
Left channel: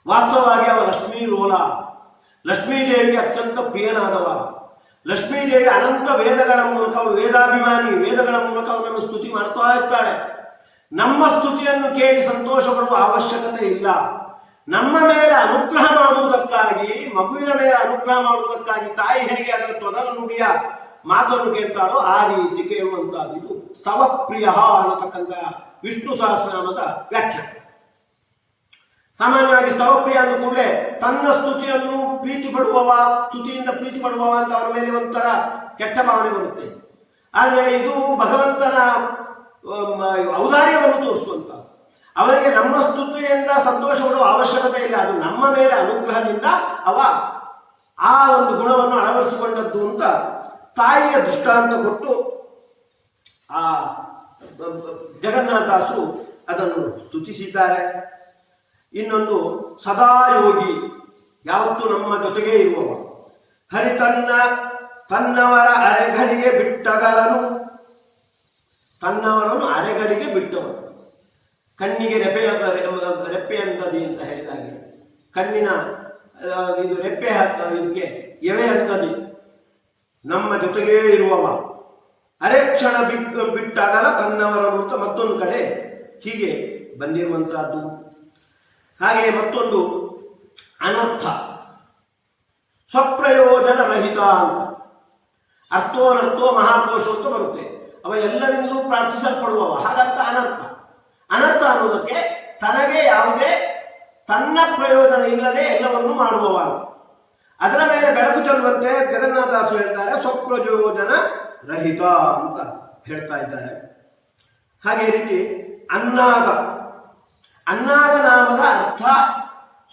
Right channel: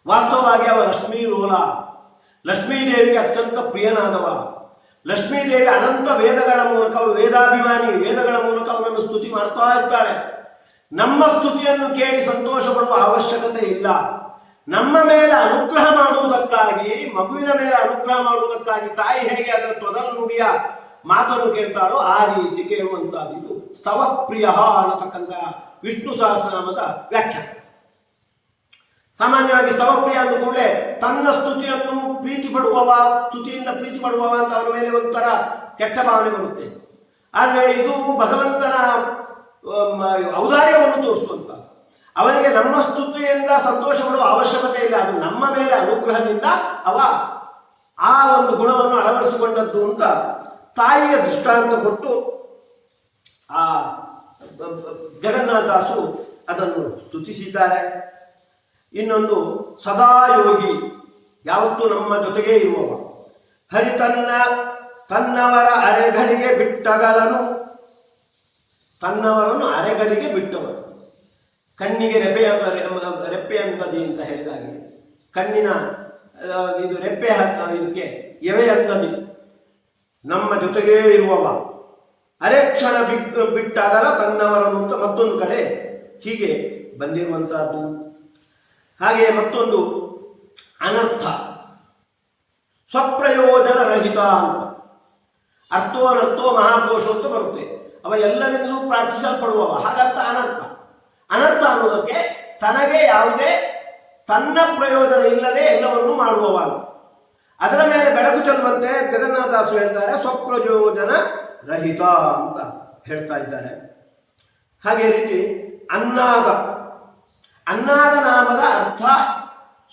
ವಾಸ್ತವವಾಗಿ ಅವ ಲಕ್ಷ್ಮೀ ಲೋಲ, ಲಕ್ಷ್ಮೀದೇವಿಗೆ ಅತ್ಯಂತ ಪ್ರಿಯನಾದವ. ಲಕ್ಷ್ಮೀದೇವಿ ಅನಂತ ವೇದಗಳ ಮೂಲಕ ಅವಳು ವೇದಾಭಿಮಾನಿ, ವೇದಗಳ ಮೂಲಕ ಅವನನ್ನು ಸ್ತುತಿ ಮಾಡ್ತಾ ಇರ್ತಾಳೆ. ನಮ್ಮ ಸ್ತುತಿಯನ್ನು ಕೇಳಿ ಸಂತೋಷ ಪಡುವ ಅವಶ್ಯಕತೆ ಇಲ್ಲ. ನಮ್ಮ ಮೇಲೆ ಅನುಗ್ರಹ ಮಾಡುವುದಕ್ಕಾಗಿ, ಮಗುವಿನ ಮೇಲೆ ಅನುಗ್ರಹ ಮಾಡುವುದಕ್ಕಾಗಿ ತಾಯಿ ಹೇಗೆ ಅದರ ತೊದಲು ನುಡಿಯ ಮಾತನ್ನು ಕೇಳ್ತಾಳೋ ಆ ರೀತಿ ಕೇಳುವಂತಹದ್ದು ಇದು ಸ್ತವಪ್ರಿಯ ಅನ್ನತಕ್ಕಂಥ ವಿಷ್ಣು ಸಹಸ್ರನಾಮದ ವ್ಯಾಖ್ಯಾನ. ಸಾಮಾನ್ಯವಾಗಿ ಸ್ತವಪ್ರಿಯ ಅಂದ ಕೂಡಲೇ ತನ್ನ ಸ್ತುತಿಯನ್ನು ಪ್ರೀತಿ ಪಡುವವ, ಸ್ತುತಿಯಿಂದ ಪ್ರೀತಿ ಪಡುವವ ಅಂತ ಅವನ ಮೇಲೆ ಒಂಥರ ಕೆಟ್ಟ ಭಾವನೆ ಬರುತ್ತೆ. ಆದರೆ ಇದು ಭಗವಂತನ ಔದಾರ್ಯವನ್ನು ತೋರಿಸುವಂತ. ಅವನಿಗೆ ನಮ್ಮ ಸ್ತುತಿಯಿಂದ ಸಂತೋಷ ಪಡುವ ಅವಶ್ಯಕತೆ ಇಲ್ಲ. ಅದು ನಮ್ಮ ಮೇಲೆ ಅನುಗ್ರಹದಿಂದ ಅವ ಆ ಒಂದು ಗುಣವನ್ನು ಅಳವಡಿಸಿಕೊಂಡದ್ದು ಅಂತ ತಾಯಿಯ ದೃಷ್ಟಾಂತ ಕೊಟ್ಟು ಆ ಜಗನ್ನಾಥದಾಸರು ಅದನ್ನು ಸ್ತುತಿಸಿದ್ದಾರೆ. ಇನ್ನೊಂದು ಸದಾಯೋಗಿ, ಯಾವತ್ತೂ ನಮ್ಮ ಜೊತೆಗೇ ಇರುವವ. ಹರಿ ತನ್ನವರ ಅರೆಗಳಿಗೆ ಬಿಟ್ಟಗಲನು, ತನ್ನವರನ್ನು ಅರೆಗಳಿಗೆ ಬಿಟ್ಟವನು. ಕಣ್ಣಿಗೆ ರೆಪ್ಪೆ ಅಂತದಿ ಅಂತ ಹೇಳಿದಾಗೆ, ಕಣ್ಣಿನ ಇದು ರೆಪ್ಪೆ ಇದಕ್ಕೆ ಎವೆ ಅಂತದಿ, ನಮ್ಮ ಜೊತೆಗೇ ಇರುವವ. ಅರೆ ಕ್ಷಣ ಬಿಟ್ಟಾಗಲ ತನ್ನವರನ್ನು ಅಂತ ಮತ್ತೊಂದು ಕಡೆ ಹೀಗೆ ಬಂದಿರುವಂತಹದ್ದು. ಹಾಗೆ ಮತ್ತೊಂದು ಅನರ್ಥ, ಸ್ವಪ್ರಯೋಜನ ರಹಿತ ಅಂತ. ಅರ್ಥೋನರ್ಥೋ ಮಹಾಕೋಶ ಅಂತ ಬರುತ್ತೆ. ಅವ ಎಲ್ಲರಿಂದಲೂ ಪ್ರಾರ್ಥಿಸಲ್ಪಡುವವ, ಹಾಗಂತ ಅನರ್ಥ. ಅನರ್ಥ ಅನ್ನೋದಕ್ಕೆ ತನಗೆ ಯಾವುದೇ ತನ್ನ ಪ್ರಯೋಜನ ಇಲ್ಲದೆ ಎಲ್ಲವನ್ನೂ ಮಾಡುವವ ಅಂತ. ಅದರ ಮೇಲೆ ಬೆಳಕು ಚೆಲ್ಲುವಂತೆ ಜಗನ್ನಾಥದಾಸರು ಹೇಳ್ತಾರೆ ಸ್ವಪ್ರಯೋಜನ ರಹಿತ ಅಂತ ಹೇಳ್ತಾ ಇದ್ದಾರೆ. ಹಾಗೆ ರೀತಿ ಅನ್ನಾದ ನಾಮದ ಅರ್ಥ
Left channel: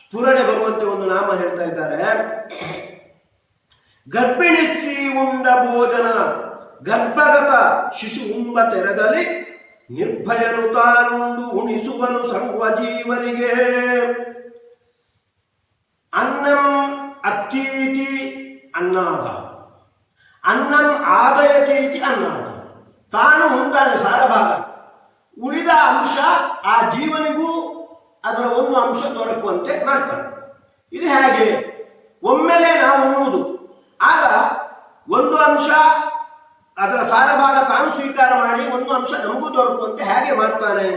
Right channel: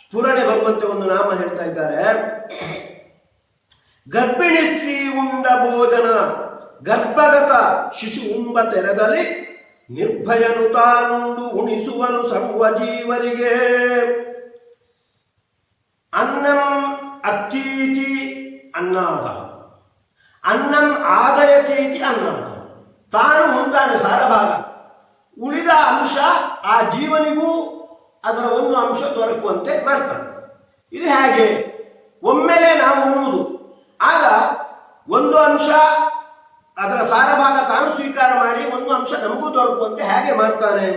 ಸ್ಫುರಣೆ ಬರುವಂತೆ ಒಂದು ನಾಮ ಹೇಳ್ತಾ ಇದ್ದಾರೆ. ಗರ್ಭಿಣಿ ಸ್ತ್ರೀ ಉಂಡ ಭೋಜನ, ಗರ್ಭಗತ ಶಿಶು ಉಂಬ ತೆರೆದಲ್ಲಿ ನಿರ್ಭಯನು ತಾನುಂಡು ಉಣಿಸುವನು ಸರ್ವ ಜೀವರಿಗೆ. ಅನ್ನಂ ಅತ್ತೀತಿ ಅನ್ನಾದ, ಅನ್ನಂ ಆದಯತೀತಿ ಅನ್ನಾದ. ತಾನು ಉಂಟಾನೆ ಸಾರಭಾಗ, ಉಳಿದ ಅಂಶ ಆ ಜೀವನಿಗೂ ಅದರ ಒಂದು ಅಂಶ ದೊರಕುವಂತೆ ಮಾಡ್ತಾನೆ. ಇದು ಹೇಗೆ? ಒಮ್ಮೆಲೆ ನಾವು ಉಣ್ಣುವುದು, ಆಗ ಒಂದು ಅಂಶ ಅದರ ಸಾರಭಾಗ ತಾನು ಸ್ವೀಕಾರ ಮಾಡಿ ಒಂದು ಅಂಶ ನಮಗೂ ದೊರಕುವಂತೆ ಹೇಗೆ ಮಾಡ್ತಾನೆ?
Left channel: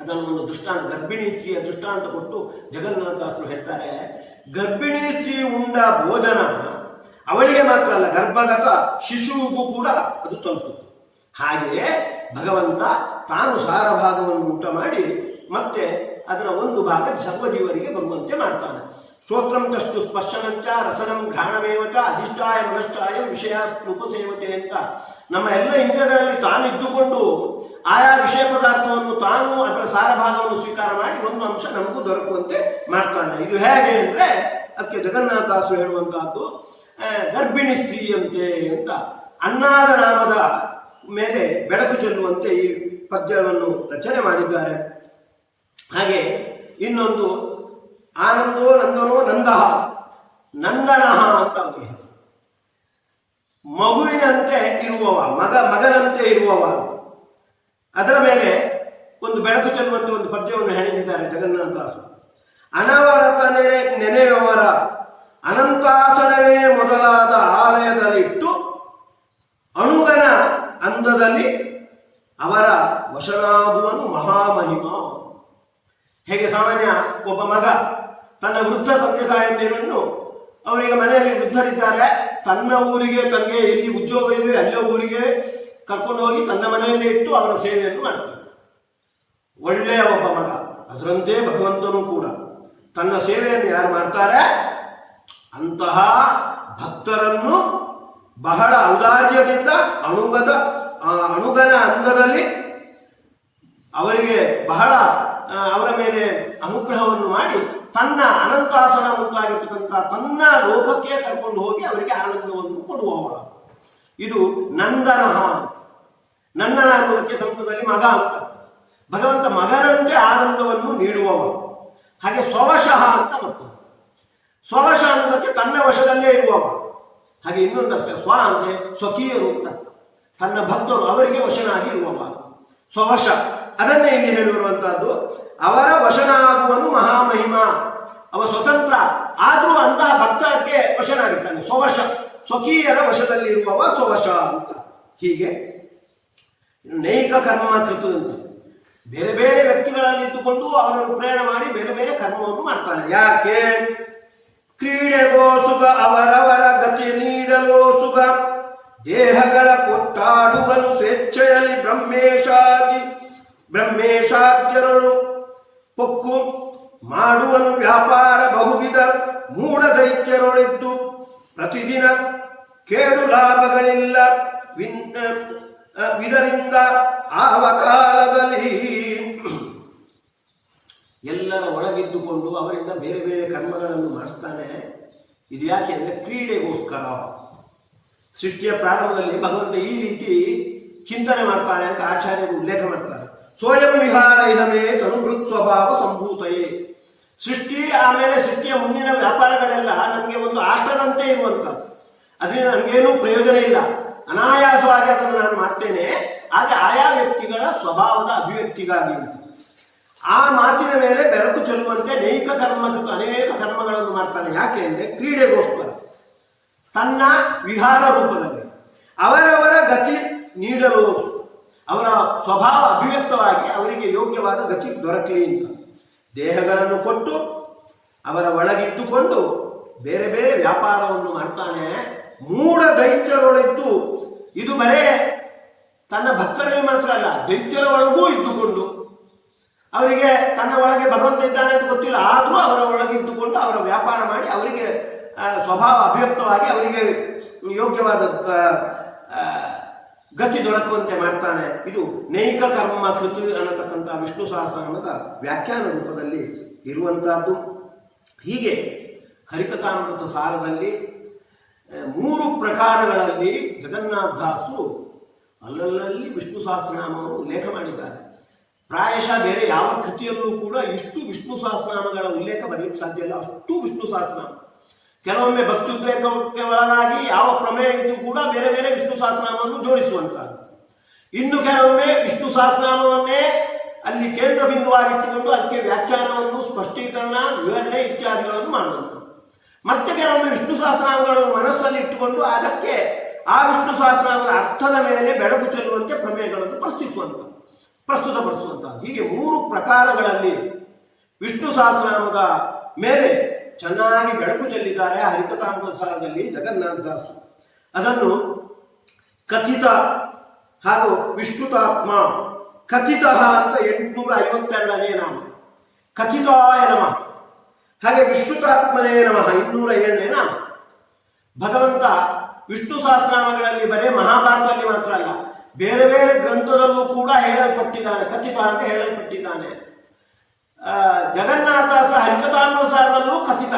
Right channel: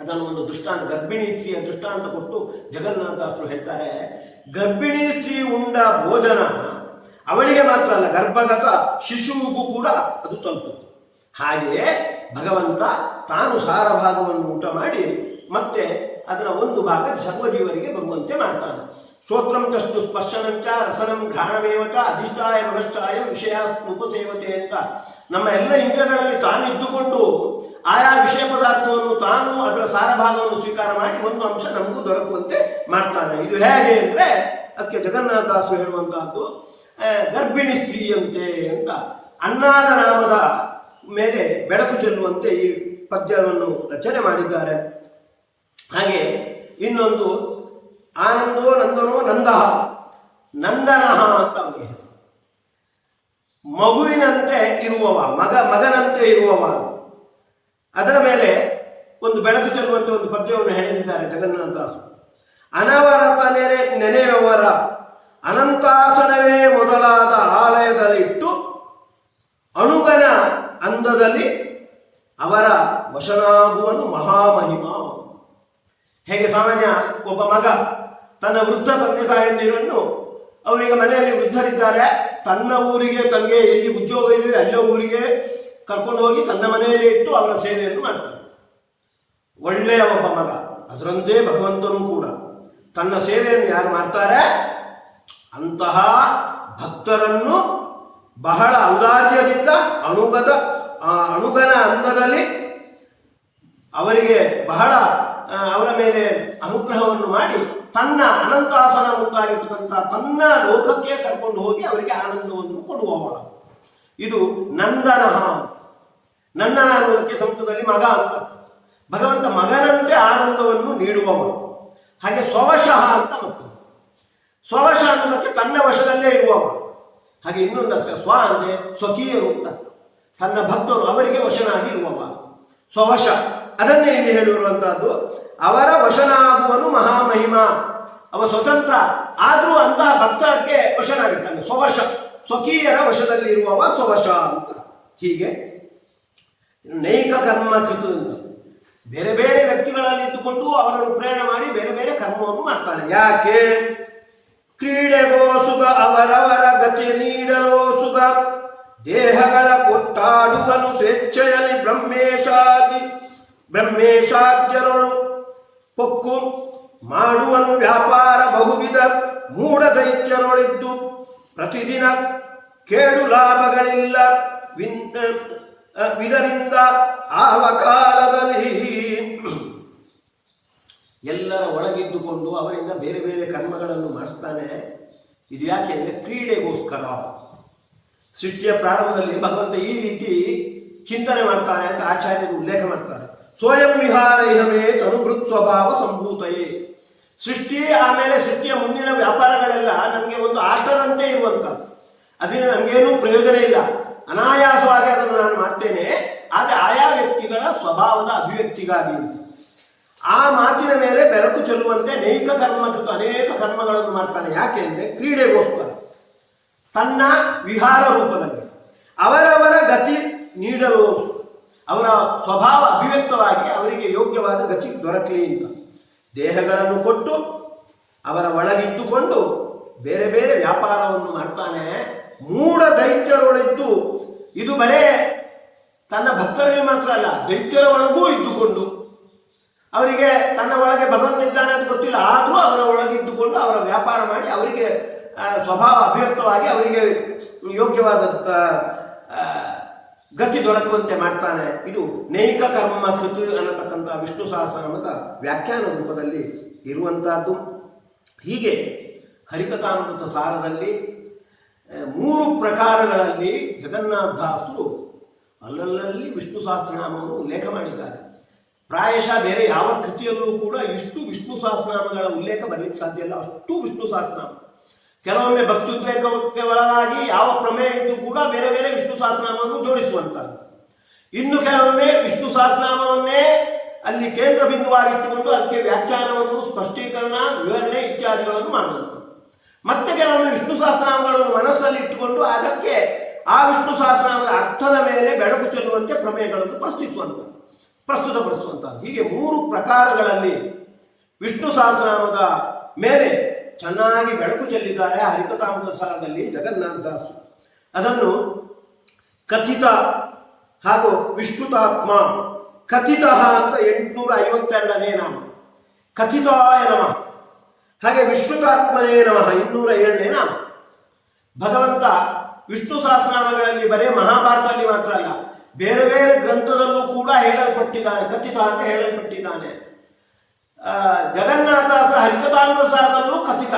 ಅದನ್ನು ಒಂದು ದೃಷ್ಟಾಂತ, ಗರ್ಭಿಣಿ ಸ್ತ್ರೀಯ ದೃಷ್ಟಾಂತ ಕೊಟ್ಟು ಜಗನ್ನಾಥದಾಸರು ಹೇಳ್ತಾರೆ. ಗರ್ಭಿಣಿ ಸ್ತ್ರೀ ಉಂಡ ಭೋಜನ ಅವಳಿಗೆ ಮಾತ್ರ ಅಲ್ಲ, ಗರ್ಭಗತ ಶಿಶುವಿಗೂ ಕೂಡ ಅದು ತಲುಪುತ್ತೆ. ಹಾಗೆಯೇ ಭಗವಂತ ತಾನು ಸಾರಭಾಗವನ್ನು ಊಟ ಮಾಡಿ ಮತ್ತೆ ಅದರ ಒಂದು ಭಾಗ ಸರ್ವಜೀವರಿಗೆ ಬರುವಂತೆ ಮಾಡ್ತಾನೆ. ಶ್ರೋತ್ರಂ ಚಷ್ಟು ಸ್ಪರ್ಶನಂಚ ರಸನಂ ಘ್ರಾಣಮೇವಚ ಅಧಿಷ್ಠಾಯ ಮನಶ್ಚಾಯ ವಿಷಯ ಉಪಸೇವತೆ ಅಂತ ನಮ್ಮ ಎಲ್ಲ ಇಂದ್ರಿಯಗಳಲ್ಲಿ ತಾನಿದ್ದುಕೊಂಡು ಆಯಾ ವಿಷಯ ಪದಾರ್ಥವನ್ನು ತಾನು ಅದರ ಸಾರಭಾಗವನ್ನು ಸ್ವೀಕಾರ ಮಾಡಿ ಒಂದು ಅಂಶ ನಮಗೂ ದೊರಕುವಂತೆ ಮಾಡ್ತಾನೆ. ಇದು ಹೇಗೆ ಅಂದರೆ ಅದಕ್ಕೆ ಜಗನ್ನಾಥದಾಸರು ಹೇಳುವಂತಹದ್ದು ಗರ್ಭಿಣಿ ಸ್ತ್ರೀಯಂತೆ ಅಂತ. ಅನ್ನಾದ ನಾಮದ ಮೇಲೆ ಬೆಳಕು ಚೆಲ್ಲುವಂತೆ ಈ ಪದ್ಯವನ್ನು ರಚನೆ ಮಾಡಿದ್ದಾರೆ. ಹಾಗೆ ಇನ್ನೊಂದು ಆನಂದೋ ನಂದನೋ ನಂದಹ, ನಂದನಃ ಅಂತ ಅವನಿಗೆ ಮಗುವಿನಂತೆ ಇರುವವ, ಮಗನಂತೆ ಇರುವವ. ಅದರ ಮೇಲೆ ಒಂದು ಬೆಳಕು ಚೆಲ್ಲುವಂತೆ ಒಂದು ಪದ್ಯವನ್ನು ಹೆಣೆದಿದ್ದಾರೆ ಜಗನ್ನಾಥದಾಸರು. ಅನವರತ ನೆನೆಯವರ ಅನಂತಾಸನವೇ ಮೊದಲಾದ ಆಲಯದಲ್ಲಿಟ್ಟು ಅಣುಗನ ಅಂದದಲ್ಲಿ ಅವರ ವಶನಾಗುವನು ಮಹಾಮಹಿಮ. ಹೇಗೆ ಸಾಮಾನ್ಯ ಒಬ್ಬ ಮಗ ತನ್ನ ವೃದ್ಧ ತಂದೆ ತಾಯಂದಿರನ್ನು, ಅವರಿಗೆ ಮನೆಯಲ್ಲಿ ವೃದ್ಧರಿದ್ದಾರೆ, ತನ್ನ ಊರಿಗೆ ತನಗೆ ಎಲ್ಲಿ ಉದ್ಯೋಗ ಇದೆ ಅಲ್ಲೇ ಊರಿಗೆ ಕರ್ಕೊಂಡು ಹೋಗಿ ತನ್ನ ಮನೆಯಲ್ಲಿ ಇಟ್ಟು ಅವರ ಸೇವೆಯನ್ನು ಮಾಡ್ತಾನೆ. ಒಳ್ಳೆಯ ಒಬ್ಬ ಮಗ. ಅದರಂತೆ ಭಗವಂತನೂ ಕೂಡ ತನ್ನ ಸೇವೆಯನ್ನು ಯಾರು ಮಾಡ್ತಾರೆ ಅಂತಹ ಭಕ್ತರನ್ನು ಬಹಳ ಔದಾರ್ಯದಿಂದ ಅಣುಗನ ಅಂದದಲ್ಲಿ ಅವರಿಗೆ ಬಹಳ ಅವರ ಮೇಲೆ ಅನುಗ್ರಹವನ್ನು ಮಾಡಿ ತನ್ನ ಅನಂತಾಸನ ಮುಂತಾಗಿರ್ತಕ್ಕಂಥ ತನ್ನ ಲೋಕಕ್ಕೆ ಕರ್ಕೊಂಡು ಹೋಗಿ ಅವರಿಗೆ ಆನಂದವನ್ನು ಕೊಡುವವ. ಇದು ನಂದನ. ನಂದನ ಅನ್ನೋದಕ್ಕೆ ಸಂಸ್ಕೃತದಲ್ಲಿ ಮಗ ಅಂತ. ಭಗವಂತ ಮಗನಂತೆ ಆನಂದವನ್ನು ನೀಡುವವ. ಹಾಗೆ ಸ್ವವಶಃ ಅಂತ ಮತ್ತು ಸ್ವವಶ ಅನ್ನೋದಕ್ಕೆ ತನ್ನ ವಶದಲ್ಲೇ ಇರುವವ. ಹಾಗೆ ಇನ್ನೊಂದಷ್ಟೇ ಸ್ವ ಅಂದ್ರೆ ಸ್ವಕೀಯರು ಅಂತ, ತನ್ನ ಭಕ್ತರು ಅವರಿಗೆ ವಶನಾಗಿ ಇರುವವ ಸ್ವವಶ. ಅದನ್ನೇ ಇಲ್ಲಿ ಹೇಳಿರುವಂತಹದ್ದು. ಅವರ ವಶನಾಗುವನು ಮಹಾಮಹಿಮ. ಅವ ಸ್ವತಂತ್ರ ಆದ್ರೂ ಅಂತಹ ಭಕ್ತರಿಗೆ ವಶನಾಗಿರ್ತಾನೆ. ಸ್ವವಶ, ಸ್ವಕೀಯರ ವಶದಲ್ಲಿ ಇರುವವ ಸ್ವವಶ ಅಂತ. ಹೀಗೆ ನೈಕ ಕರ್ಮ ಕೃತ ಅಂತ ಬೇರೆ ಬೇರೆ ವ್ಯಕ್ತಿಗಳಲ್ಲಿ ಇದ್ದುಕೊಂಡು ಅವರನ್ನು ಪ್ರೇರಣೆ ಮಾಡಿ ಬೇರೆ ಬೇರೆ ಕರ್ಮವನ್ನು ಮಾಡ್ತಾನೆ. ಯಾಕೆ? ಕ್ರೀಡೆಗೋ ಸುಖ, ಅವರವರ ಗತಿ ನೀಡಲೋ ಸುಖ, ದೇಹಗಳ ಕೊಟ್ಟಾಡುವನು ಸ್ವೇಚ್ಛೆಯಲ್ಲಿ ಬ್ರಹ್ಮೇಶಾದ್ಯರೊಳು ಪೊಕ್ಕು ಮಾಡುವನು ವ್ಯಾಪಾರ ಬಹುವಿಧ ಮೂಢ ದೈತ್ಯರೊಳಿದ್ದು ಪ್ರತಿದಿನ ಕೇಡು ಲಾಭಗಳಿಲ್ಲ ವಿದರಿಂದ ಆವ ಕಾಲದಲ್ಲಿ. ಎಲ್ಲರ ಒಳಗಿದ್ದುಕೊಂಡು ಅವರಿಂದ ಬೇರೆ ಬೇರೆ ಕರ್ಮಗಳನ್ನು ಮಾಡಿಸ್ತಾನೆ. ಇದು ಯಾಕೆ ಅಂದರೆ ಕ್ರೀಡೆಗೋಸ್ಕರ. ಸೃಷ್ಟಿಯ ಪ್ರಾರಂಭದಲ್ಲಿ ಭಗವಂತ ಈ ರೀತಿ ಚಿಂತನೆ ಮಾಡ್ತಾನೆ ಅಂತ ಆಚಾರ್ಯರು ಉಲ್ಲೇಖ ಮಾಡ್ತಾರೆ. ಸ್ವಯಂ ವಿಹಾರೈಹಮೇ ತನುಭೃತ್ ಸ್ವಭಾವ ಸಂಭೂತಯೇ. ಸೃಷ್ಟಿ ಆಮೇಲೆ ಸೃಷ್ಟಿಯ ಮುಂದಿನ ವ್ಯಾಪಾರಗಳೆಲ್ಲ ನನಗೆ ಒಂದು ಆಟದಂತೆ ಇರುವಂಥದ್ದು. ಅದರಿಂದ ನನಗೇನೂ ಪ್ರಯೋಜನ ಇಲ್ಲ, ಅನಾಯಾಸವಾಗಿ ಅದನ್ನು ನಾನು ಮಾಡ್ತೇನೆ. ಆದರೆ ಆಯಾ ವ್ಯಕ್ತಿಗಳ ಸ್ವಭಾವದ ಅಭಿವ್ಯಕ್ತಿಗಾಗಿ ಅಂತ ಆ ಮಾತಿನ ಮೇಲೆ ಬೆಳಕು ಚೆಲ್ಲುವಂತೆ ನೈಕ ಕರ್ಮ ಅನೇಕ ಕರ್ಮಗಳನ್ನು ಮಾಡ್ತಾನೆ. ಯಾಕೆ ಅಂದರೆ ಕ್ರೀಡೆಗೋಸ್ಕರ, ತನ್ನ ವಿಹಾರ ರೂಪದಲ್ಲಿ ಅವರವರ ಗತಿ ನೀಡಲು, ಅವರ ಸ್ವಭಾವ ಅಭಿವ್ಯಕ್ತವಾಗಿ ಅವರಿಗೆ ಯೋಗ್ಯವಾದ ಗತಿ ದೊರಕಲಿ ಅಂತ ದೇಹಗಳನ್ನು ಕೊಟ್ಟು ಅವರ ಒಳಗಿದ್ದುಕೊಂಡು ಬೇರೆ ಬೇರೆ ವ್ಯಾಪಾರವನ್ನು ಮಾಡ್ತಾನೆ. ಮೂಢ ದೈತ್ಯರೊಳಿದ್ದು, ಇದು ಬರೇ ತನ್ನ ಭಕ್ತರಲ್ಲಿ ಮಾತ್ರ ಅಲ್ಲ, ದೈತ್ಯರ ಒಳಗೂ ಇದ್ದುಕೊಂಡು ಅವರಿಗೆ ತನ್ನ ಒಳಗೆ ಭಗವಂತ ಇದ್ದಾನೆ ಅಂತ ಗೊತ್ತಿಲ್ಲ, ಆದರೂ ಅವರ ಒಳಗಿದ್ದುಕೊಂಡು ಅವರ ವ್ಯಾಪಾರ ಮಾಡಿ ಅವರಿಗೆ ಸ್ವಭಾವ ಅಭಿವ್ಯಕ್ತವಾಗಿ ಅವರಿಗೆ ಯೋಗ್ಯವಾದ ಗತಿ ದೊರಕುವಂತೆ ಮಾಡ್ತಾನೆ. ಇದು ನೈಕ ಕರ್ಮ ಕೃತ ಅನ್ನತಕ್ಕಂಥ ವಿಷ್ಣು ಸಹಸ್ರನಾಮದ ವ್ಯಾಖ್ಯಾನ ರೂಪದಲ್ಲಿ ಇರುವಂತಹದ್ದು. ಹೀಗೆ ಹರಿಕಥಾಮೃತ ಸಾರದಲ್ಲಿ 3 ಪ್ರಕಾರಗಳಲ್ಲಿ ಜಗನ್ನಾಥದಾಸರು ಅಲ್ಲಲ್ಲಿ ವಿಷ್ಣು ಸಹಸ್ರನಾಮವನ್ನು ಉಲ್ಲೇಖ ಮಾಡಿದ್ದಾರೆ. ಪ್ರಾಯಶಃ ಬೇರೆ ಯಾವ ಕೃತಿಯಲ್ಲೂ ಕೂಡ ಇಷ್ಟು ವಿಷ್ಣು ಸಹಸ್ರನಾಮಗಳ ಉಲ್ಲೇಖ ಬರಲಿಕ್ಕೆ ಸಾಧ್ಯ ಇಲ್ಲ, ಅಷ್ಟು ವಿಷ್ಣು ಸಹಸ್ರನಾಮ. ಕೆಲವೊಮ್ಮೆ ಭಕ್ತ್ಯುದ್ರೇಕಕ್ಕೆ ಒಳಗಾಗಿ ಯಾವ ಪ್ರಮೇಯ ಇದ್ದು ಕೂಡ ಬೇರೆ ಬೇರೆ ವಿಷ್ಣು ಸಹಸ್ರನಾಮವನ್ನು ಜೋಡಿಸುವಂತಹದ್ದು. ಇನ್ನು ಕೆಲವೊಮ್ಮೆ ವಿಷ್ಣು ಸಹಸ್ರನಾಮವನ್ನೇ ಅಲ್ಲಿ ಕೇಂದ್ರ ಬಿಂದುವಾಗಿಟ್ಟುಕೊಂಡು ಅದಕ್ಕೆ ವ್ಯಾಖ್ಯಾನವನ್ನು, ಸ್ಪಷ್ಟೀಕರಣ, ವಿವರಣೆ ಇತ್ಯಾದಿಗಳನ್ನು ಮಾಡುವಂಥದ್ದು. ಮತ್ತೆ ಕೆಲವೊಮ್ಮೆ ವಿಷ್ಣು ಸಹಸ್ರನಾಮಗಳನ್ನು ಮನಸ್ಸಲ್ಲಿ ಇಟ್ಟುಕೊಂಡು ಅದಕ್ಕೆ ಆ ವಿಷ್ಣು ಸಹಸ್ರನಾಮದ ಅರ್ಥದ ಮೇಲೆ ಬೆಳಕು ಚೆಲ್ಲುವಂತೆ ಪ್ರಮೇಯಗಳನ್ನು ಪ್ರಸ್ತುತಪಡಿಸುವಂಥದ್ದು. ಹೀಗೆ 3 ಪ್ರಕಾರಗಳಲ್ಲಿ ವಿಷ್ಣು ಸಹಸ್ರನಾಮದ ಮೇಲೆ ಚೆನ್ನಾಗಿ ಬೆಳಕು ಚೆಲ್ಲಿದ್ದಾರೆ ಹರಿಕಥಾಮೃತ ಸಾರದಲ್ಲಿ ಜಗನ್ನಾಥದಾಸರು. ಅದನ್ನು ಕಥಿತ ಹಾಗೂ ವಿಷ್ಣುತಾತ್ಮ, ಕಥಿತ ಅಂತ 852ನೇ ನಾಮ, ಕಥಿತಾಯ ನಮಃ. ಹಾಗೆ ವಿಷ್ಣುತಾತ್ಮನೇ ನಮಃ 207ನೇ ನಾಮ. ಭಗವಂತ ವಿಷ್ಣು ಸಹಸ್ರನಾಮಗಳಲ್ಲಿ ಬರೇ ಮಹಾಭಾರತದಲ್ಲಿ ಮಾತ್ರ ಅಲ್ಲ, ಬೇರೆ ಬೇರೆ ಗ್ರಂಥದಲ್ಲೂ ಕೂಡ ಹೇಳಲ್ಪಟ್ಟಿದ್ದಾನೆ. ಕಥಿತ ಅಂತ ಹೇಳಲ್ಪಟ್ಟಿದ್ದಾನೆ. ಜಗನ್ನಾಥದಾಸರ ಹರಿಕಥಾಮೃತ ಸಾರದಲ್ಲೂ ಕಥಿತ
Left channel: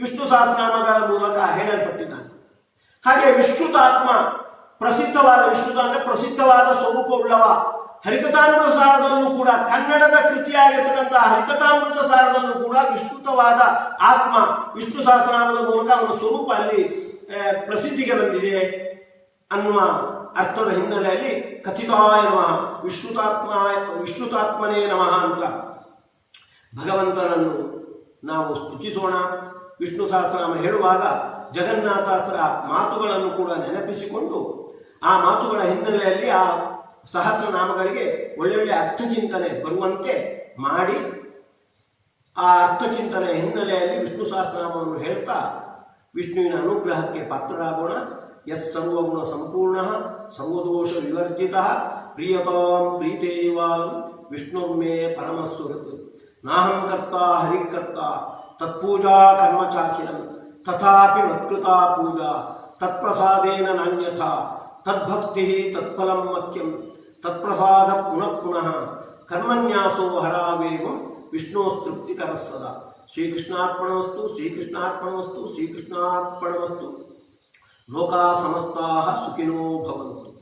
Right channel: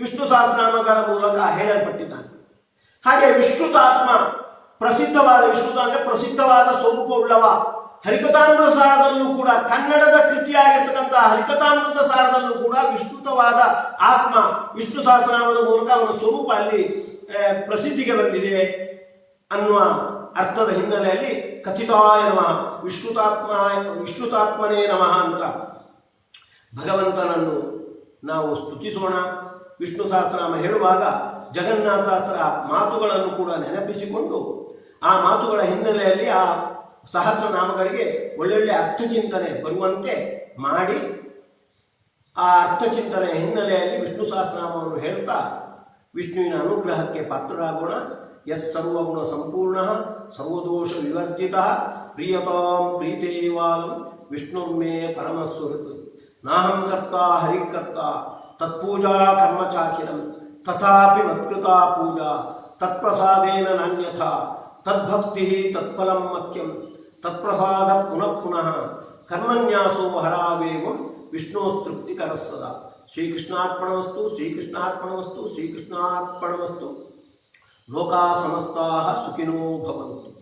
ವಿಷ್ಣು ಸಹಸ್ರನಾಮಗಳ ಮೂಲಕ ಹೇಳಲ್ಪಟ್ಟಿದ್ದಾನೆ. ಹಾಗೆ ವಿಷ್ಣುತಾತ್ಮ, ಪ್ರಸಿದ್ಧವಾದ ವಿಷ್ಣುತ ಅಂದ್ರೆ ಪ್ರಸಿದ್ಧವಾದ ಸ್ವರೂಪವುಳ್ಳವ. ಹರಿಕಥಾಮೃತ ಸಾರದಲ್ಲೂ ಕೂಡ ಕನ್ನಡದ ಕೃತಿಯಾಗಿರ್ತಕ್ಕಂತಹ ಹರಿಕಥಾಮೃತ ಸಾರದಲ್ಲೂ ಕೂಡ ವಿಷ್ಣುತವಾದ ಆತ್ಮ ವಿಷ್ಣು ಸಹಸ್ರನಾಮದ ಮೂಲಕ ಅವನ ಸ್ವರೂಪ ಅಲ್ಲಿ ಪ್ರಸಿದ್ಧಿಗೆ ಬಂದಿದೆ ಅನ್ನುವ ಅರ್ಥದ ಹಿನ್ನೆಲೆಯಲ್ಲಿ ಕಥಿತಾಯ ನಮಃ, ವಿಷ್ಣುತಾತ್ಮನೇ ನಮಃ ಅಂತ ಭಗವಂತನನ್ನು ನಾವು ಸ್ತುತಿಸೋಣ. ವಿಷ್ಣು ಸಹಸ್ರನಾಮ ಹೇಳುವಾಗ ಜಗನ್ನಾಥದಾಸರ ಮಾತುಗಳನ್ನು ಕೂಡ ನೆನಪಿಸಿಕೊಂಡು ಆ ಮಾತುಗಳ ಹಿನ್ನೆಲೆಯಲ್ಲಿ ಆ ಸಹಸ್ರನಾಮಗಳಿಗೆ ಒಳ್ಳೊಳ್ಳೆ ಅರ್ಥಚಿಂತನೆ ಬರುವಂತೆ ಮಾಡಿ ಆ ಅರ್ಥಚಿಂತನೆಯ ಹಿನ್ನೆಲೆಯಲ್ಲಿ ವಿಷ್ಣು ಸಹಸ್ರನಾಮವನ್ನು ಹೇಳ್ತಾ ವಿಷ್ಣುವಿನ ಅನುಗ್ರಹಕ್ಕೆ ಪಾತ್ರರಾಗೋಣ. ಯತ್ ಸರ್ವಗುಣ ಸಂಪೂರ್ಣ ಸರ್ವದೋಷ ವಿವರ್ಜಿತ ಪ್ರಿಯತಾಂ ಪ್ರೀತೇವಾಲಂ ವಿಷ್ಣುರ್ಮೇ ಪರಮಸ್ವರತ್ ನಾಹಂ ಕರ್ತಾ ಹರಿಕರ್ತಾ ತತ್ಪೂಜಾ ಕರ್ಮಚಾಖಿಲಂ ತಥಾಪಿ ಮತ್ಕೃತಾ ಪೂಜಾ ತತ್ಪ್ರಸಾದೇನ ನಾನ್ಯಥಾ ತದ್ಭಕ್ತಿ ತತ್ಫಲಂ ಮಖ್ಯಂ ತತ್ಪ್ರಸಾದ ಪುನಃ ಪುನಃ ಕರ್ಮನ್ಯಾಸೋ ಹರಾವೇವಂ ವಿಷ್ಣು ತೃಪ್ತಿಕರ ಸದಾ. ಶ್ರೀಕೃಷ್ಣಾರ್ಪಣಮಸ್ತು, ಶ್ರೀಕೃಷ್ಣಾರ್ಪಣಮಸ್ತು, ಶ್ರೀಕೃಷ್ಣಾರ್ಪಣಮಸ್ತು. ಲೋಕಾ ಸಮಸ್ತಾಃ ಸುಖಿನೋ ಭವಂತು.